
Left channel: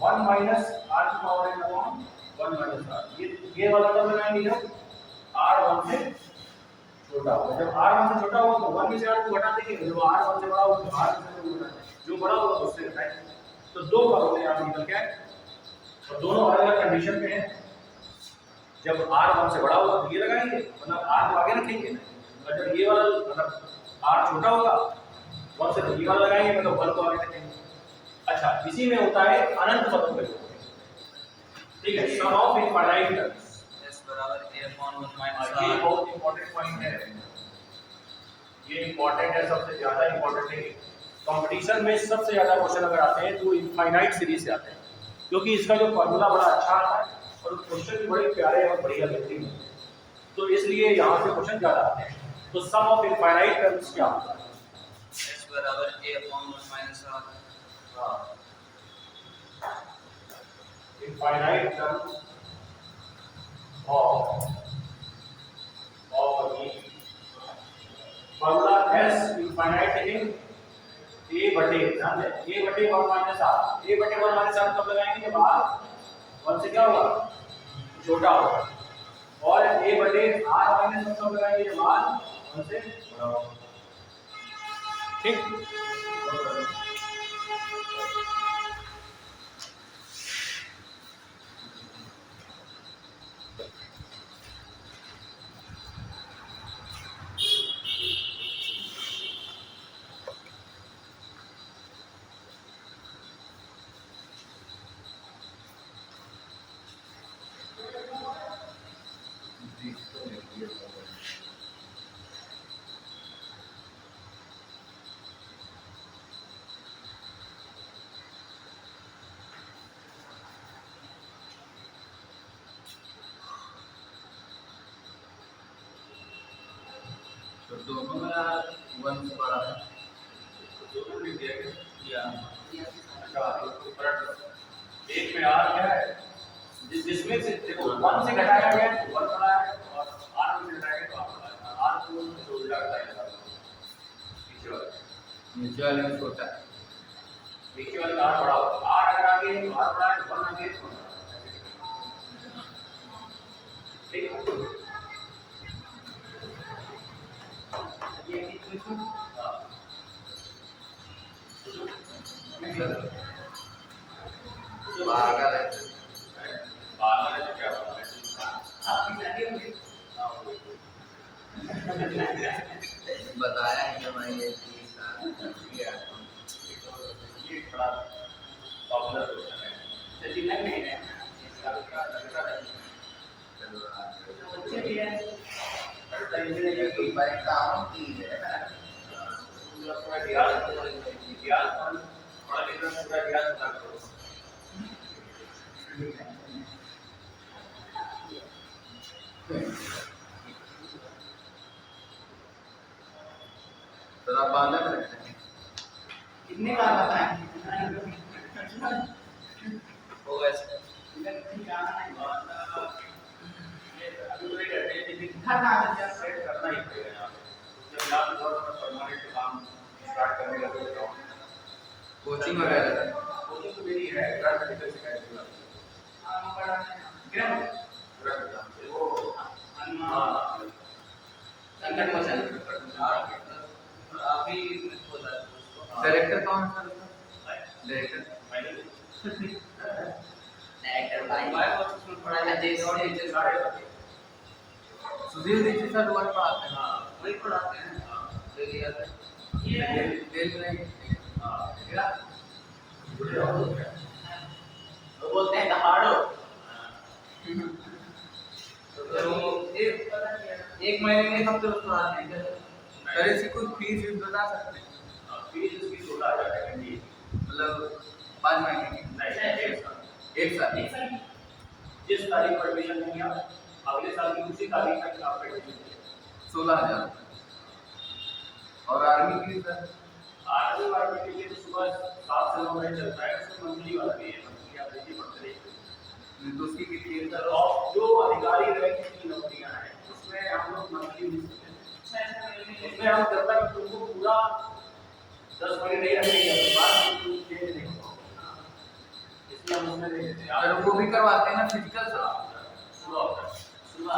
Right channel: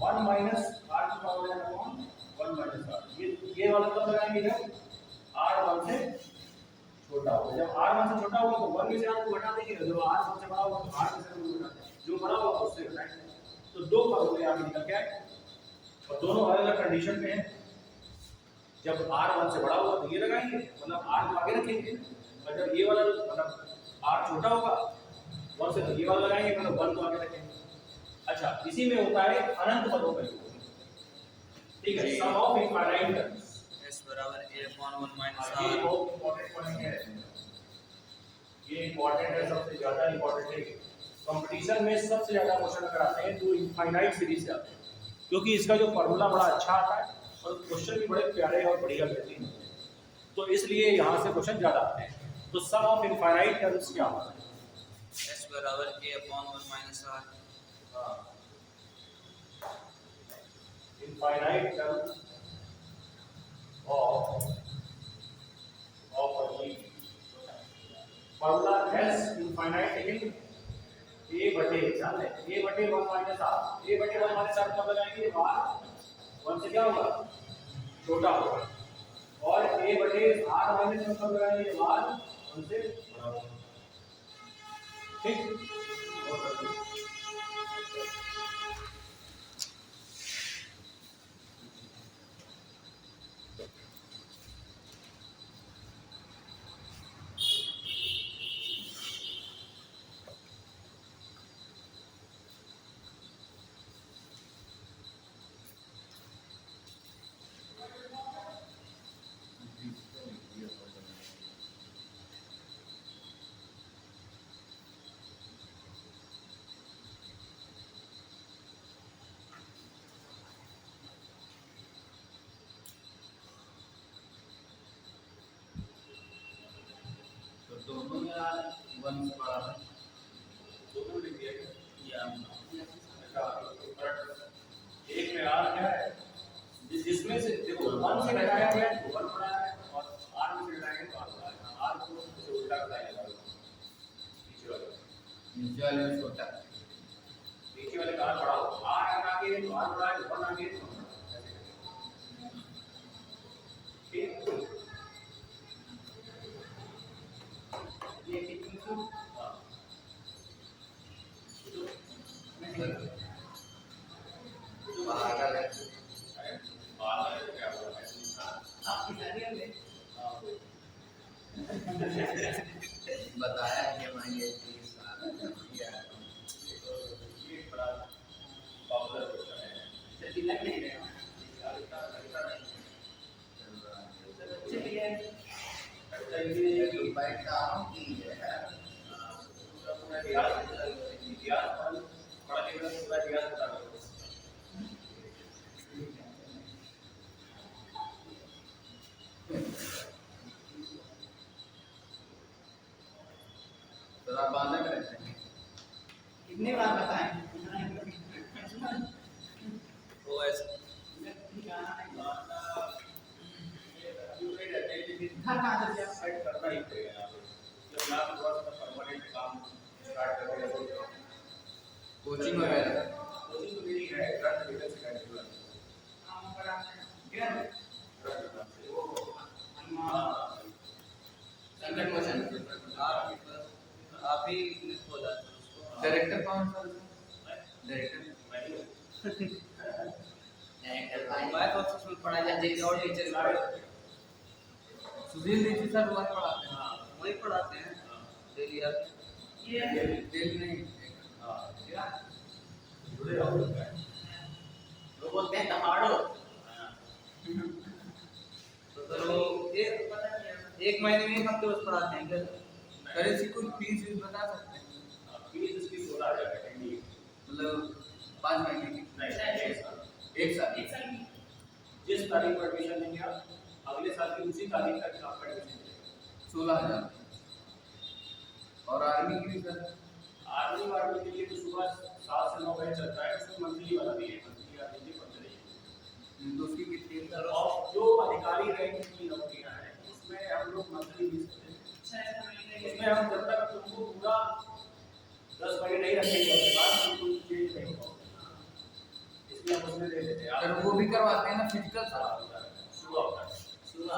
1 माइनस r की power n upon 1 minus r, ये वाला तब लगाएंगे जब r 1 से छोटा होगा, जब r 1 से छोटा होगा तो 1 में से r को घटा देंगे, जब r 1 से बड़ा होगा तो r से घटा देंगे, जो बड़ा होगा उससे घटाएंगे। तो दो फॉर्मूले यहाँ निकल के आए और दोनों अलग अलग कंडीशन पे हैं। जब r 1 से बड़ा होगा तो ये लगाएंगे, मतलब r को आगे रखेंगे, और जब ये वाला मतलब r छोटा होगा 1 से तो ये वाला लगाएंगे, मतलब 1 को आगे रखेंगे। अच्छा इसी में होता है अनंत पदों का योग, ठीक है, सम ऑफ इनफाइनाइट टर्म्स s बराबर ये बहुत इंपॉर्टेंट पॉइंट है, ये इंपॉर्टेंट है, सबसे ज्यादा इंपॉर्टेंट है। कंपटीशन में सबसे ज्यादा क्वेश्चन अगर आते हैं तो इनफाइनाइट सीरीज से आते हैं, क्योंकि इसका जो फॉर्मूला बड़ा अच्छा आता है और क्वेश्चन भी बड़े प्यारे और बढ़िया बेहतरीन होते हैं, तो इसलिए यहाँ से क्वेश्चन ज्यादा आते हैं। तो सम ऑफ इनफाइनाइट टर्म्स क्या होता है? S बराबर a upon 1 minus r। Infinite terms of a formula s infinite लिखेंगे a बटे, ध्यान दें, a बटे 1 माइनस r, a बटे 1 माइनस r कब लगाएंगे जब r 1 से क्या होगा, छोटा होगा, और a बटे r माइनस 1 कब लगाएंगे जब r 1 से बड़ा होगा। ठीक, तो दोनों में यार 1 से बड़ा है। दोनों लिख दिया गया। या अच्छा, एक में r क्या है, जिसमें से देखो 1 से घटाया गया है 1 बड़ा है, और r में से घटाया गया तो r बड़ा है। r को से उल्टा घटाया जाएगा, नीचे वाले में छोटा है। नीचे वाले का r बड़ा होगा, r अगर आगे है तो r बड़ा है, 1 आगे है तो 1 बड़ा है। ठीक है, ये कितने को हाँ। पागल है। बाहर में क्या होगा, आपकी शादी हो गई? हाँ, बताया कि मैं ये चीज किया। ये बड़ा पॉपुलर क्वेश्चन है। तो दिमाग नहीं है लगता नहीं, चलो आगे। तो चलिए लगता ही नहीं तो कि परीक्षाओं की है ना। पूरा इतिहास पढ़ लिख रहे हैं, पूरा इतिहास पता करो। थोड़ा बालक रहते हैं। कितनी बार बताएं होगा ऐसे। घर ना आ जाए सेट करना ही पड़ेगा यहाँ पे। यहाँ पे थोड़ा सा परमानेंट काम स्टार्ट करने का सोच रहा हूँ। कोचिंग वगैरह कोचिंग तो मेरी है, ग्रांड मेडिकल सेकेंडरी में। हम बड़ा ग्राम ग्रांड नाम से वो, हाँ संकट मोचन अभी बोला डायरेक्टर कौन सा डायरेक्टर डायरेक्टर भाई कोर्स में पढ़ा है जैसे और टीचर सारे subject. Sudhir Dikshit sir work पढ़ाते हैं। हाँ, वही पढ़ाते हैं हाँ, ये दिल नहीं हाँ, मेरा जुड़े रहो तो क्या? वो बोलते हैं दहाड़ो हाँ, तो एक महीने में कब तक पढ़ाते हैं सर इसकी कोई फीस बता सकते हैं? फीस इसकी 16,000 है कैंडी। मतलब 5 महीने की नहीं, 1 साल। 1 साल जिस तारीख पर एडमिशन लेंगे आप, अगले साल की उसी तारीख तक आपका एडमिशन लेंगे। 16,000। और आर्मी के लिए सर आर्मी वार्मी के लिए तो सुबह 7 से 9 बजे चलता है, उसमें मंथली वाला भी है, मंथली आप लीजिए पढ़ते रहिए। तो उसकी कितनी है सर? और जो अधिकारी रैंक की नौकरियां हैं उसमें हम लोग मंथली मिस करते हैं। उसमें हम जब तक तुमको पूरा 10 महीने नहीं रखेंगे अपने पास तो तुम चेंज नहीं हो पाओगे, इसलिए हम उसमें दे देते हैं। सर वो भी करवाते हैं ना फिजिकल सर? सुबह होता है, सुबह 5:30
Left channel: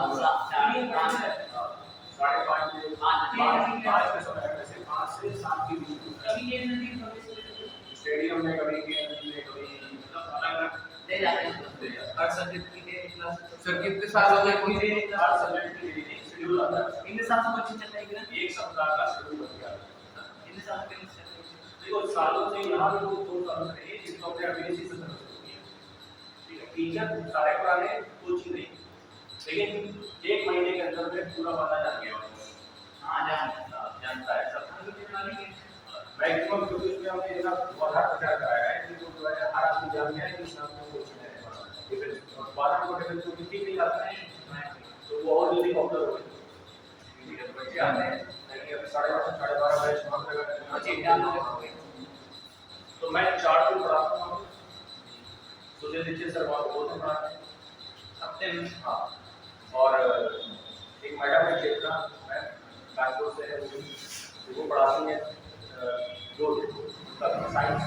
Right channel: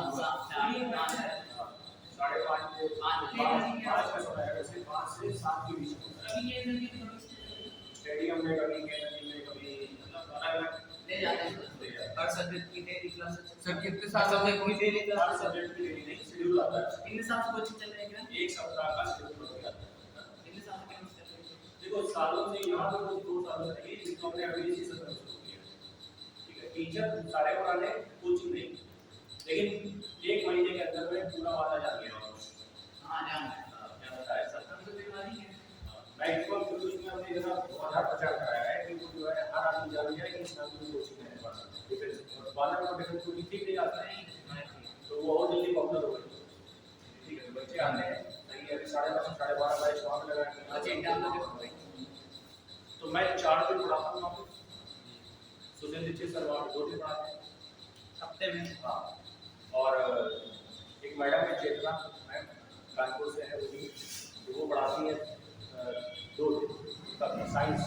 बजे, 5 का समय है, वैसे 5 से 7 के बीच में होता है। स्टेडियम में कभी गेम में कभी अलग-अलग ले जाते हैं दे जाते हैं। हर सब्जेक्ट की डेली क्लास सर कितने साल हो गए की कोचिंग? डेली हर क्लास सब्जेक्ट की डेली नहीं, शेड्यूल आता है, इन साल से कोचिंग चल रही है एक सप्ताह का शेड्यूल बन गया है। इन साल के चल रही है देखो सालों से यहाँ पे लोग 2 सालों से नहीं, इसको अपने अभी इसी से शुरू किया। ठीक है, टीचर सारे पुराने कोचिंग नहीं, लेकिन 1 महीने के अंदर में पूरा वाला जान गया हाँ जानता है सब हम लोग के वाली के मैक्सिमम, क्योंकि उसमें हमने जो ना बहुत हर प्रचार कराया है कि जो है हर आदमी जान गया है कि इसमें आपको कुछ नहीं है। और 12 को डिफेंस को ठीक नहीं आता है तो वो और जल्दी पॉपुलर हो गई। ठीक है, तो बच्चे आते हैं ताकि अभी 12:30 से 12:30 बैच वहाँ पे लगा बच्चे डाउनलोड हो गए। तो मैं 4 दिन पढ़ाता हूँ आपको। सुजय दीक्षित सर वहाँ पे 2 दिन पढ़ाते हैं हफ्ते में। हाँ, और एक मैडम है चेतना मैम, कानपुर से है, वो पढ़ाती हैं 2 दिन साइंस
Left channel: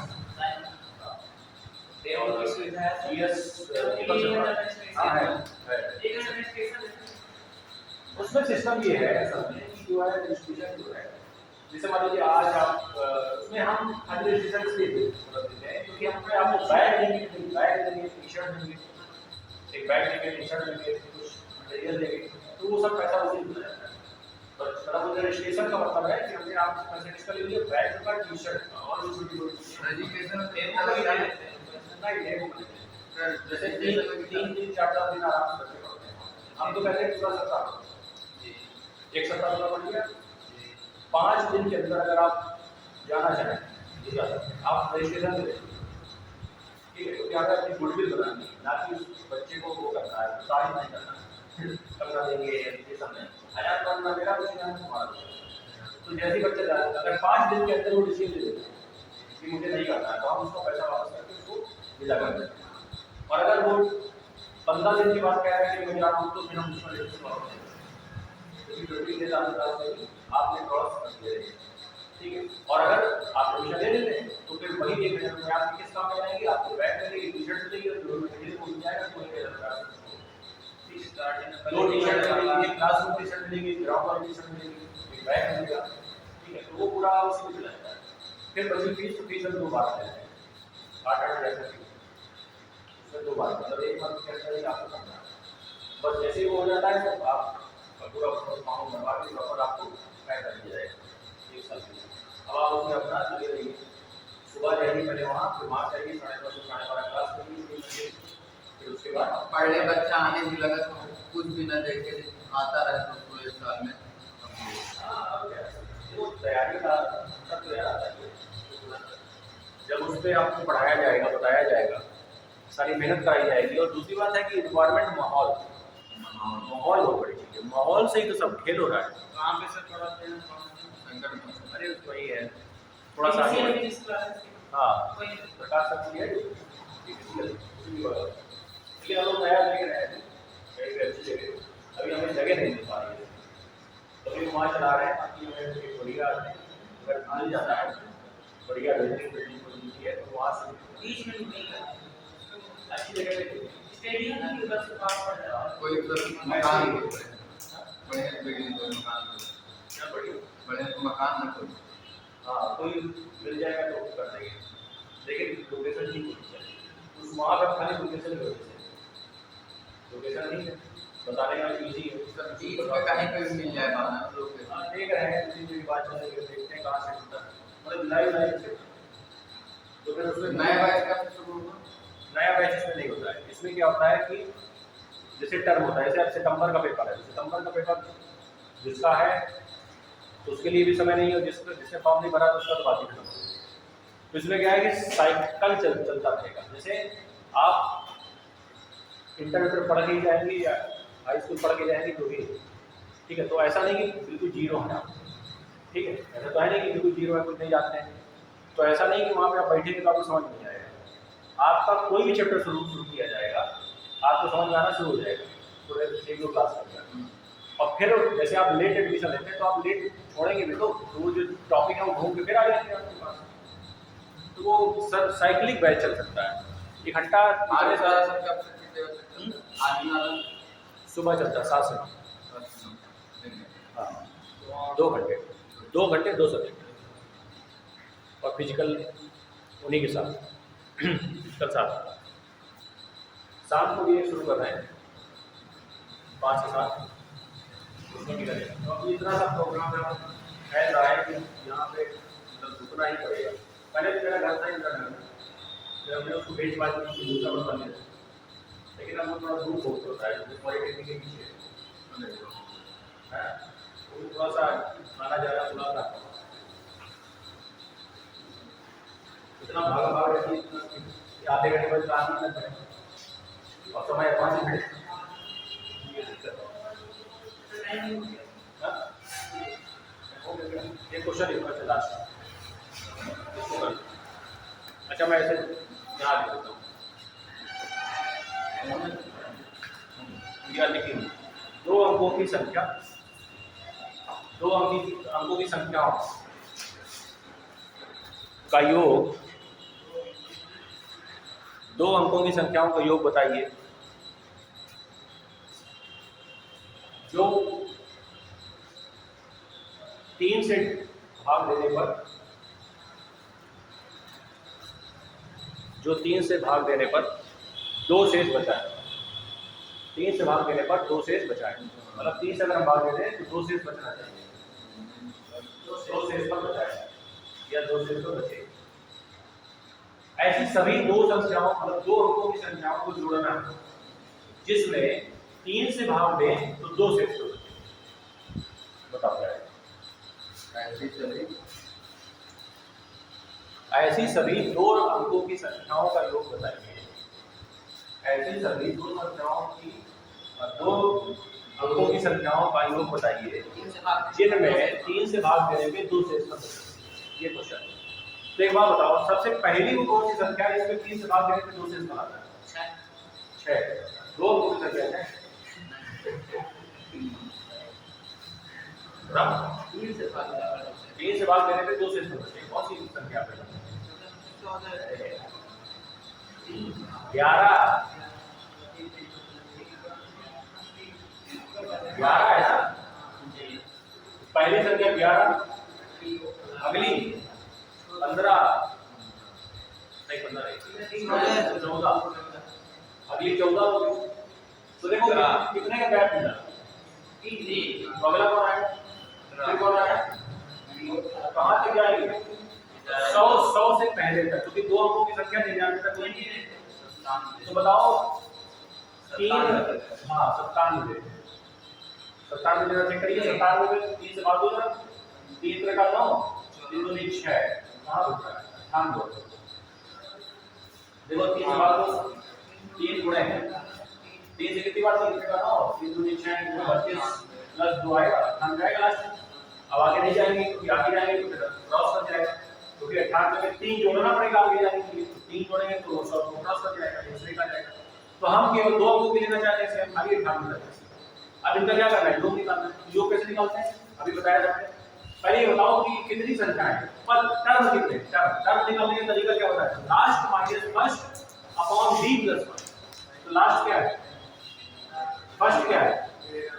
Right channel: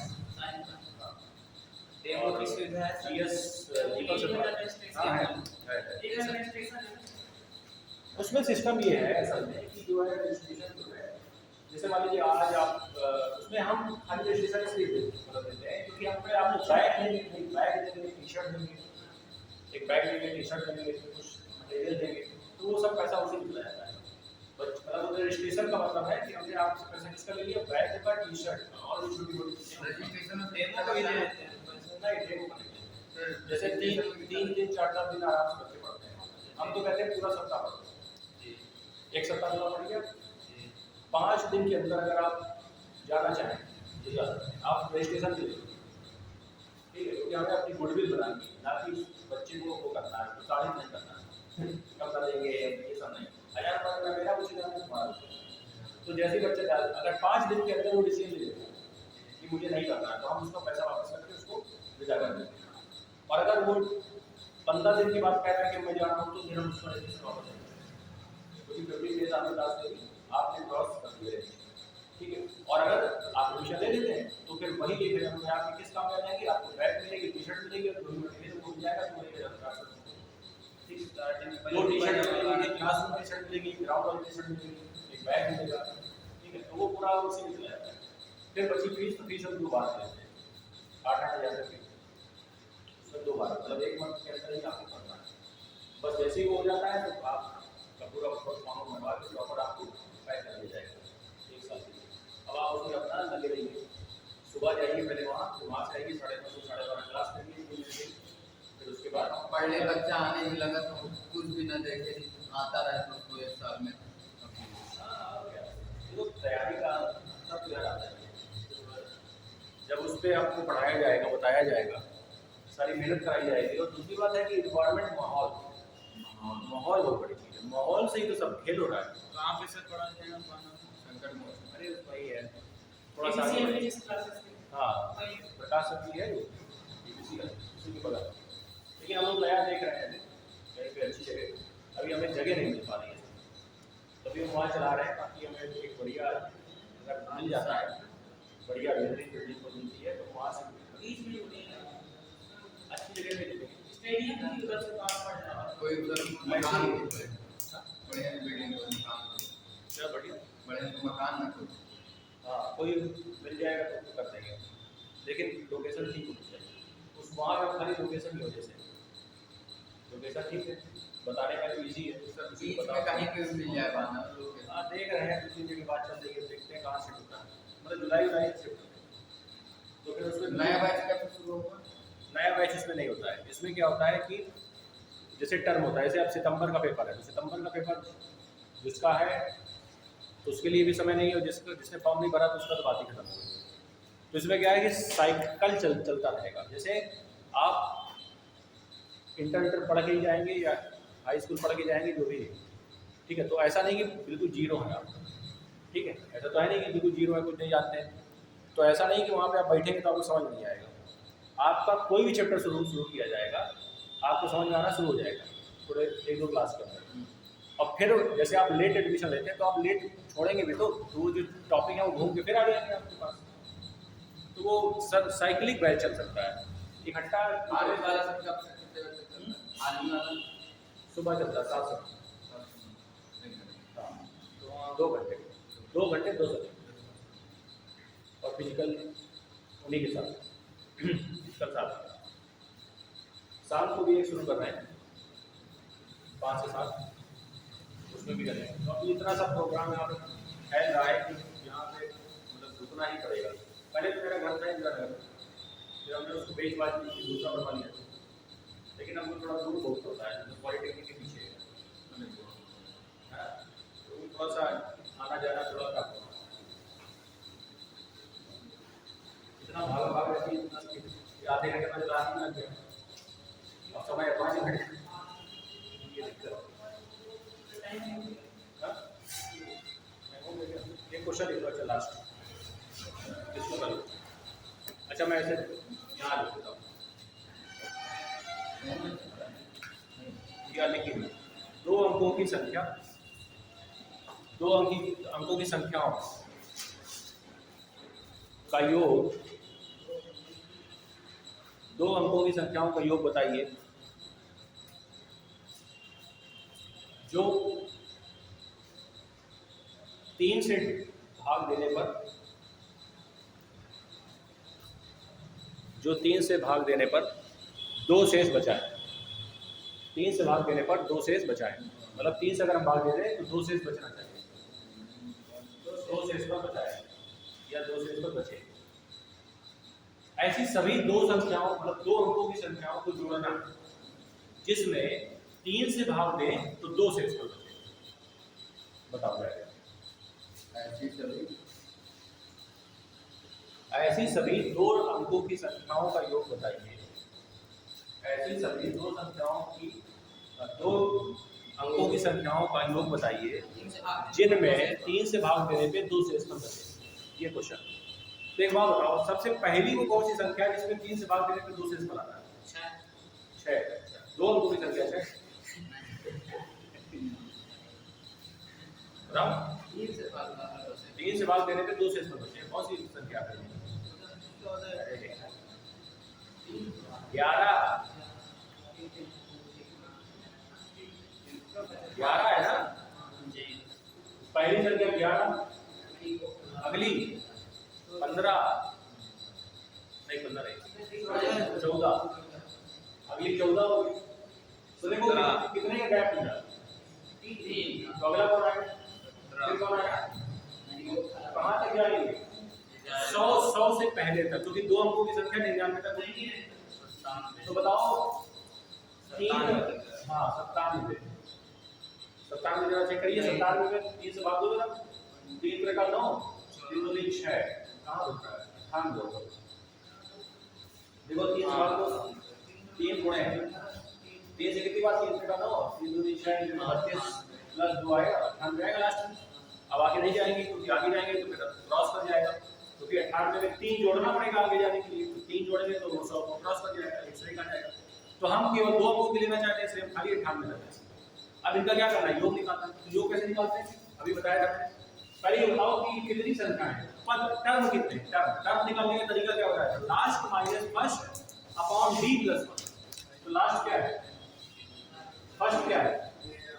और की सुविधा है जीएस हाँ है। एक एडमिनिस्ट्रेशन है। उसमें सिस्टम ये है असल में कि जो है रजिस्ट्रेशन जो है, जैसे मान लीजिए आज आप उसमें हम रजिस्ट्रेशन इसलिए देते हैं क्योंकि हम पे आपको बैग देंगे, टी शर्ट देंगे, एक बैग देंगे, टी शर्ट देंगे, कुछ मटेरियल देंगे, तो वो सब पैसा उसी में जाता है। तो मतलब रजिस्ट्रेशन का मतलब है कि हमने आप पैसे किसका ले लिया, बैग का, टी शर्ट का, और रजिस्ट्रेशन जैसे 3 दिन 4 दिन आराम से बच्चे पढ़ते हैं। हम तो कहते हैं पूरा सप्ताह, एक सप्ताह पूरा पढ़ लिया, 5 दिन के अंदर अगर आप जाना चाहें तो जा सकते हैं, आप रजिस्ट्रेशन ले लें। ठीक है, क्योंकि हमें अपनी गुडविल बनानी है, ना कि बच्चे को वो करना है, तारीफ नहीं करना है, कब कर देंगे ये सब नहीं। 1000 पढ़ना मेरा कुछ नहीं, तुम्हारा। तो जैसे ही बच्चे अगर 5 दिन के अंदर वो डिसीजन ले लेते हैं कि मुझे नहीं करना है, तो हम उसका पैसा वापस करके उसको विदा कर देते हैं। और अगर वो 15 दिन की बात कह रहा है कि मैं जा रहा हूँ, तो फिर हम उसमें रजिस्टर करते हैं, आपने क्रॉस कर दिया। ठीक है, और अगर आप एडमिशन ले लेते हैं तो फिर वही 1000 रुपये आपके किस काम में जाएंगे, आपको बैग मिलेगी, टी शर्ट मिलेगी, और जो मटेरियल वो मिल जाएगा, तो 2 टी शर्ट मिलेगी, एक क्लास रूम टी शर्ट मिलेगी, ग्राउंड वाली टी शर्ट मिलेगी, एक बैग मिलेगा। ठीक है, तो वो पूरा उसी में चला जाता है। फिर बची फीस, तो फीस हम 2 बार लेते हैं, 8-8 हज़ार की, उसमें 2 बार, मतलब 1 मंथ के अंदर ही आपको करना है। बस जैसे ही वो हो जाता है तो आप पूरा फॉर्म बनवा के प्रॉपर आपको पैक कर दिया जाएगा 1 साल के लिए। अब आप उसमें अपना लगे रहिए, सुबह जाइए पहले वहाँ, फिर वहाँ से आइए 10:30 से 12:30 क्लास करिए, फिर उसके बाद पढ़े बच्चा आने भी लगा तो कुछ भी न देखे आता रहे तो उसको 1 साल में वो तैयारी का सब तैयार आता है। जब उस पर आपको पढ़ाया जाएगा, बताया जाएगा, सारी मेहनत कराई जाएगी। और दूसरी बात है कि रिक्वायरमेंट माहौल हो बड़ी चीज़ है, माहौल से ही तो सब खेल हो रहा है। वहाँ पे सर थोड़ा संकट में अरे वही है थोड़ा सा हाँ, प्रकाश शक्ति है लेकिन हम लोग नया देख रहे हैं, कहीं अच्छी जगह अभी हमें जगह नहीं मिल पा रही है, तो अभी वहाँ चला रहे हैं ताकि हमें एक बढ़िया अगर मिल जाता है, बढ़िया बिल्डिंग को मिलती है तो वहाँ से बीच में नहीं अच्छी जगह पे स्टेडियम की उधर से पास पड़ रहा है। कोई मकान बढ़िया बिल्डिंग कोई मकान क्या बढ़िया बढ़िया मकान न कोई हाँ कोई मिल जाएगा तो कर देंगे, लेकिन लोकेशन ठीक होनी चाहिए। उस वहाँ पर खाली लोकेशन की वजह से लोकेशन ठीक है, बताने का भी इजी है, बीच में कहीं पे भी मिल जाए बाना लोग हाँ देख रहे हैं, 2-3 जगह बात चल रही है, देखते हैं कहाँ से होता है, मतलब लाइव से। तो फिर उसमें नया बैच का शुरू होगा। नया बैच इसमें नहीं होता है। इसमें क्या होता है कि जैसे टर्म होता है, जैसे अब सितंबर का पेपर है, सितंबर का पेपर जिसका है तो उसके लिए भी समय नहीं है, जिसने फॉर्म नहीं भरा तो उसका तो बात ही खत्म। तो इसमें क्या है कि साइकिल चलता रहेगा। जैसे आप इंटर पढ़ के ही जाएंगे या हाई स्कूल पढ़ के जाएंगे जो भी, ठीक है, तो ऐसा नहीं कि बिल्कुल जीरो है आप, ठीक है, ऐसा तो है नहीं कि बिल्कुल जीरो है, कुछ नहीं जानते हैं, तो ऐसा नहीं कि वहाँ पे आप बैठेंगे तो आपको समझ नहीं आएगा। आपका कोई भी चैप्टर शुरू किया जाएगा, आपको समझ में आना शुरू हो जाएगा पूरे 1-2 क्लास के अंदर। और फिर जैसे आप लेट एडमिशन लेते हैं तो आप लेट छोड़ेंगे भी तो वो जो टॉपिक है वो घूम के फिर आ जाएंगे आपके पास। तो वो सब साइक्लिक बैच चल सकता है इकट्ठा। आगे सारा कब से कितने बजे तक? आगे वाला सुबह चलता है 7 से 9। हाँ 2 घंटे 2 सब्जेक्ट और फिजिकल उन्हीं के साथ कल साथ शाम को भी शुरू कर रहे हैं 5 से 7 उसमें भी लगेगा। तो अब इतना सा प्रोग्राम आप है रहा है कि यहाँ पे मतलब रुकना ही पड़ेगा। पहले तो मेरा घर था इंदिरा नगर में, फिर हमने उसको बेच बाज दूसरा बनवा लिया, लेकिन हमको थोड़ा दूर बहुत होता है, क्योंकि पॉलिटेक्निक के पीछे है, वो थोड़ा सा आना जाना थोड़ा रखा इतना भाग भाग रहती है, इतना कि आधे घंटे बाद आने लग जाए और समय 5 मिनट ये दिक्कत है। हाँ? ये क्वेश्चन एक बार लास्ट इसको कर। अच्छा मैं ऐसे यहाँ लिख देता हूँ, क्या लिखेंगे, दो अंकों की संख्या, दो अंकों की संख्याओं का योग, दो अंकों की संख्याओं का योग बताइए जो 3 से भाग देने पर, जो 3 से भाग देने पर 2 शेष बचाए, 3 से भाग देने पर 2 शेष बचाए, मतलब 3 से अगर हम भाग दे दें तो 2 शेष बचना चाहिए, 2 शेष पर बचाए या 2 शेष पर बचे। ऐसी सभी दो संख्याओं, मतलब दो अंकों की संख्याओं को जोड़ना है जिसमें 3 से भाग दें तो 2 शेष पर बचे। बताओ क्या है? ऐसी सभी दो अंकों की संख्याओं का योग बताइए, ऐसी सभी दो संख्याओं की, दो अंकों की संख्याओं का योग बताइए जिनमें 3 से भाग देने पे 2 शेष पर बचे। ये क्वेश्चन। तो एक बात बताओ, सबसे पहली वो कौन सी संख्या है जिसमें 3 से भाग देने पे 2 शेष बनाता है? 6। दो अंकों की संख्या है 3 से भाग देने पे 2 शेष पर बचे, कौन सी संख्या है? 11 है ना, पहली संख्या 11, अगली 15 नहीं, 15 नहीं, 14, अगली 14 होगी। तो देखो कितने का गैप मिला, तो अगला कौन आया, फिर कौन आया, कहाँ से जाएगी? 100 से पहले तक, क्योंकि दो अंकों की संख्या 99 तक नहीं है। तो बताओ 3, हाँ 97 देना चेक करिए, 97 में 3 से भाग दो जरा, 3 3 का 9, 3 2 6, कहाँ होता है 98। देखो 3 से भाग दो, 3 गुणे 3 से कितनी बार, 3 3 का 9, 3 2 6 32 प्लस 2 आएगा, 98 जाएगा लास्ट में। अब आगे नहीं जाएंगे, क्योंकि आगे जाएंगे तो फिर क्रॉस कर जाएगा, क्योंकि 98 में 3 जोड़ना पड़ेगा आगे जाने के लिए, तो 3 जोड़ेंगे तो 100 को क्रॉस कर जाएगा, दूसरे का जाएगा। तो हम केवल दो अंकों की लेना चाहते हैं, इसलिए हम खाली 98 रखते हैं। अब इनका क्या करना है, योग निकालना है। योग कैसे निकालते हैं अभी बताया जाता है। पहले ये बताओ कि कितनी संख्या है, पर टर्म कितने, टर्म निकालने का तरीका क्या होता है, last minus first upon D plus 1। तो लास्ट क्या है, फर्स्ट क्या है,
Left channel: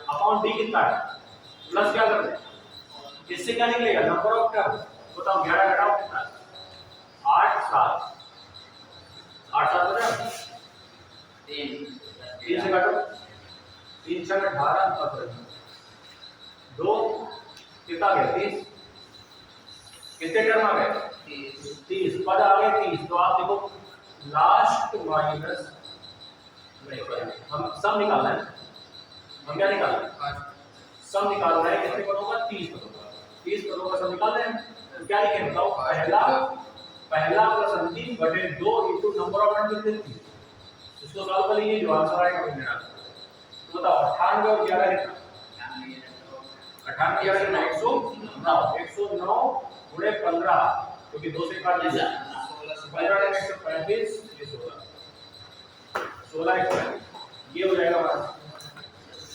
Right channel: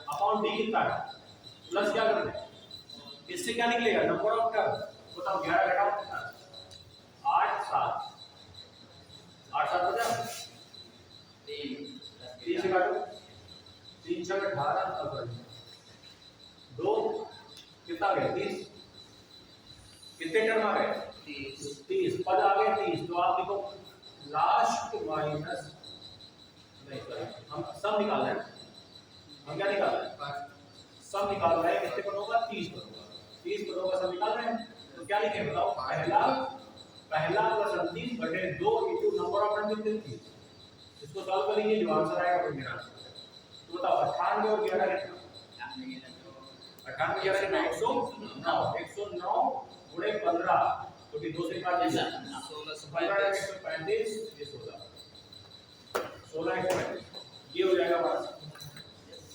अपॉन डी कितना है, प्लस क्या करते हैं, इससे क्या निकलेगा, नंबर ऑफ टर्म। बताओ 11 घटाओ कितना है, 8 7, 8 7 बचा, 3 से काटो, 3 6 18, 2 कितना गया 30, कितने टर्म आ गए 30, पद आ गए 30। तो आप देखो लास्ट माइनस नहीं, हम सम निकालना है, हम क्या निकालना है, सम निकालना है, कितने पदों का, 30 पदों का, 30 पदों का सम निकाल रहे हैं। तो क्या लिखेंगे बताओ, पहला प्लस अंतिम बटे 2 इनटू नंबर ऑफ टर्म कितने 30, इसको सॉल्व कर लीजिए, जो आंसर आएगा वो मेरा आंसर। तो बताओ 98 और 11 कितना, 98 11 कितना, 109 गुणे 15, क्योंकि 2 से काट दिया 15 135, ये 16 135, ये हो जाएगा हमारा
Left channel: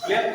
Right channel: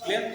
क्लियर।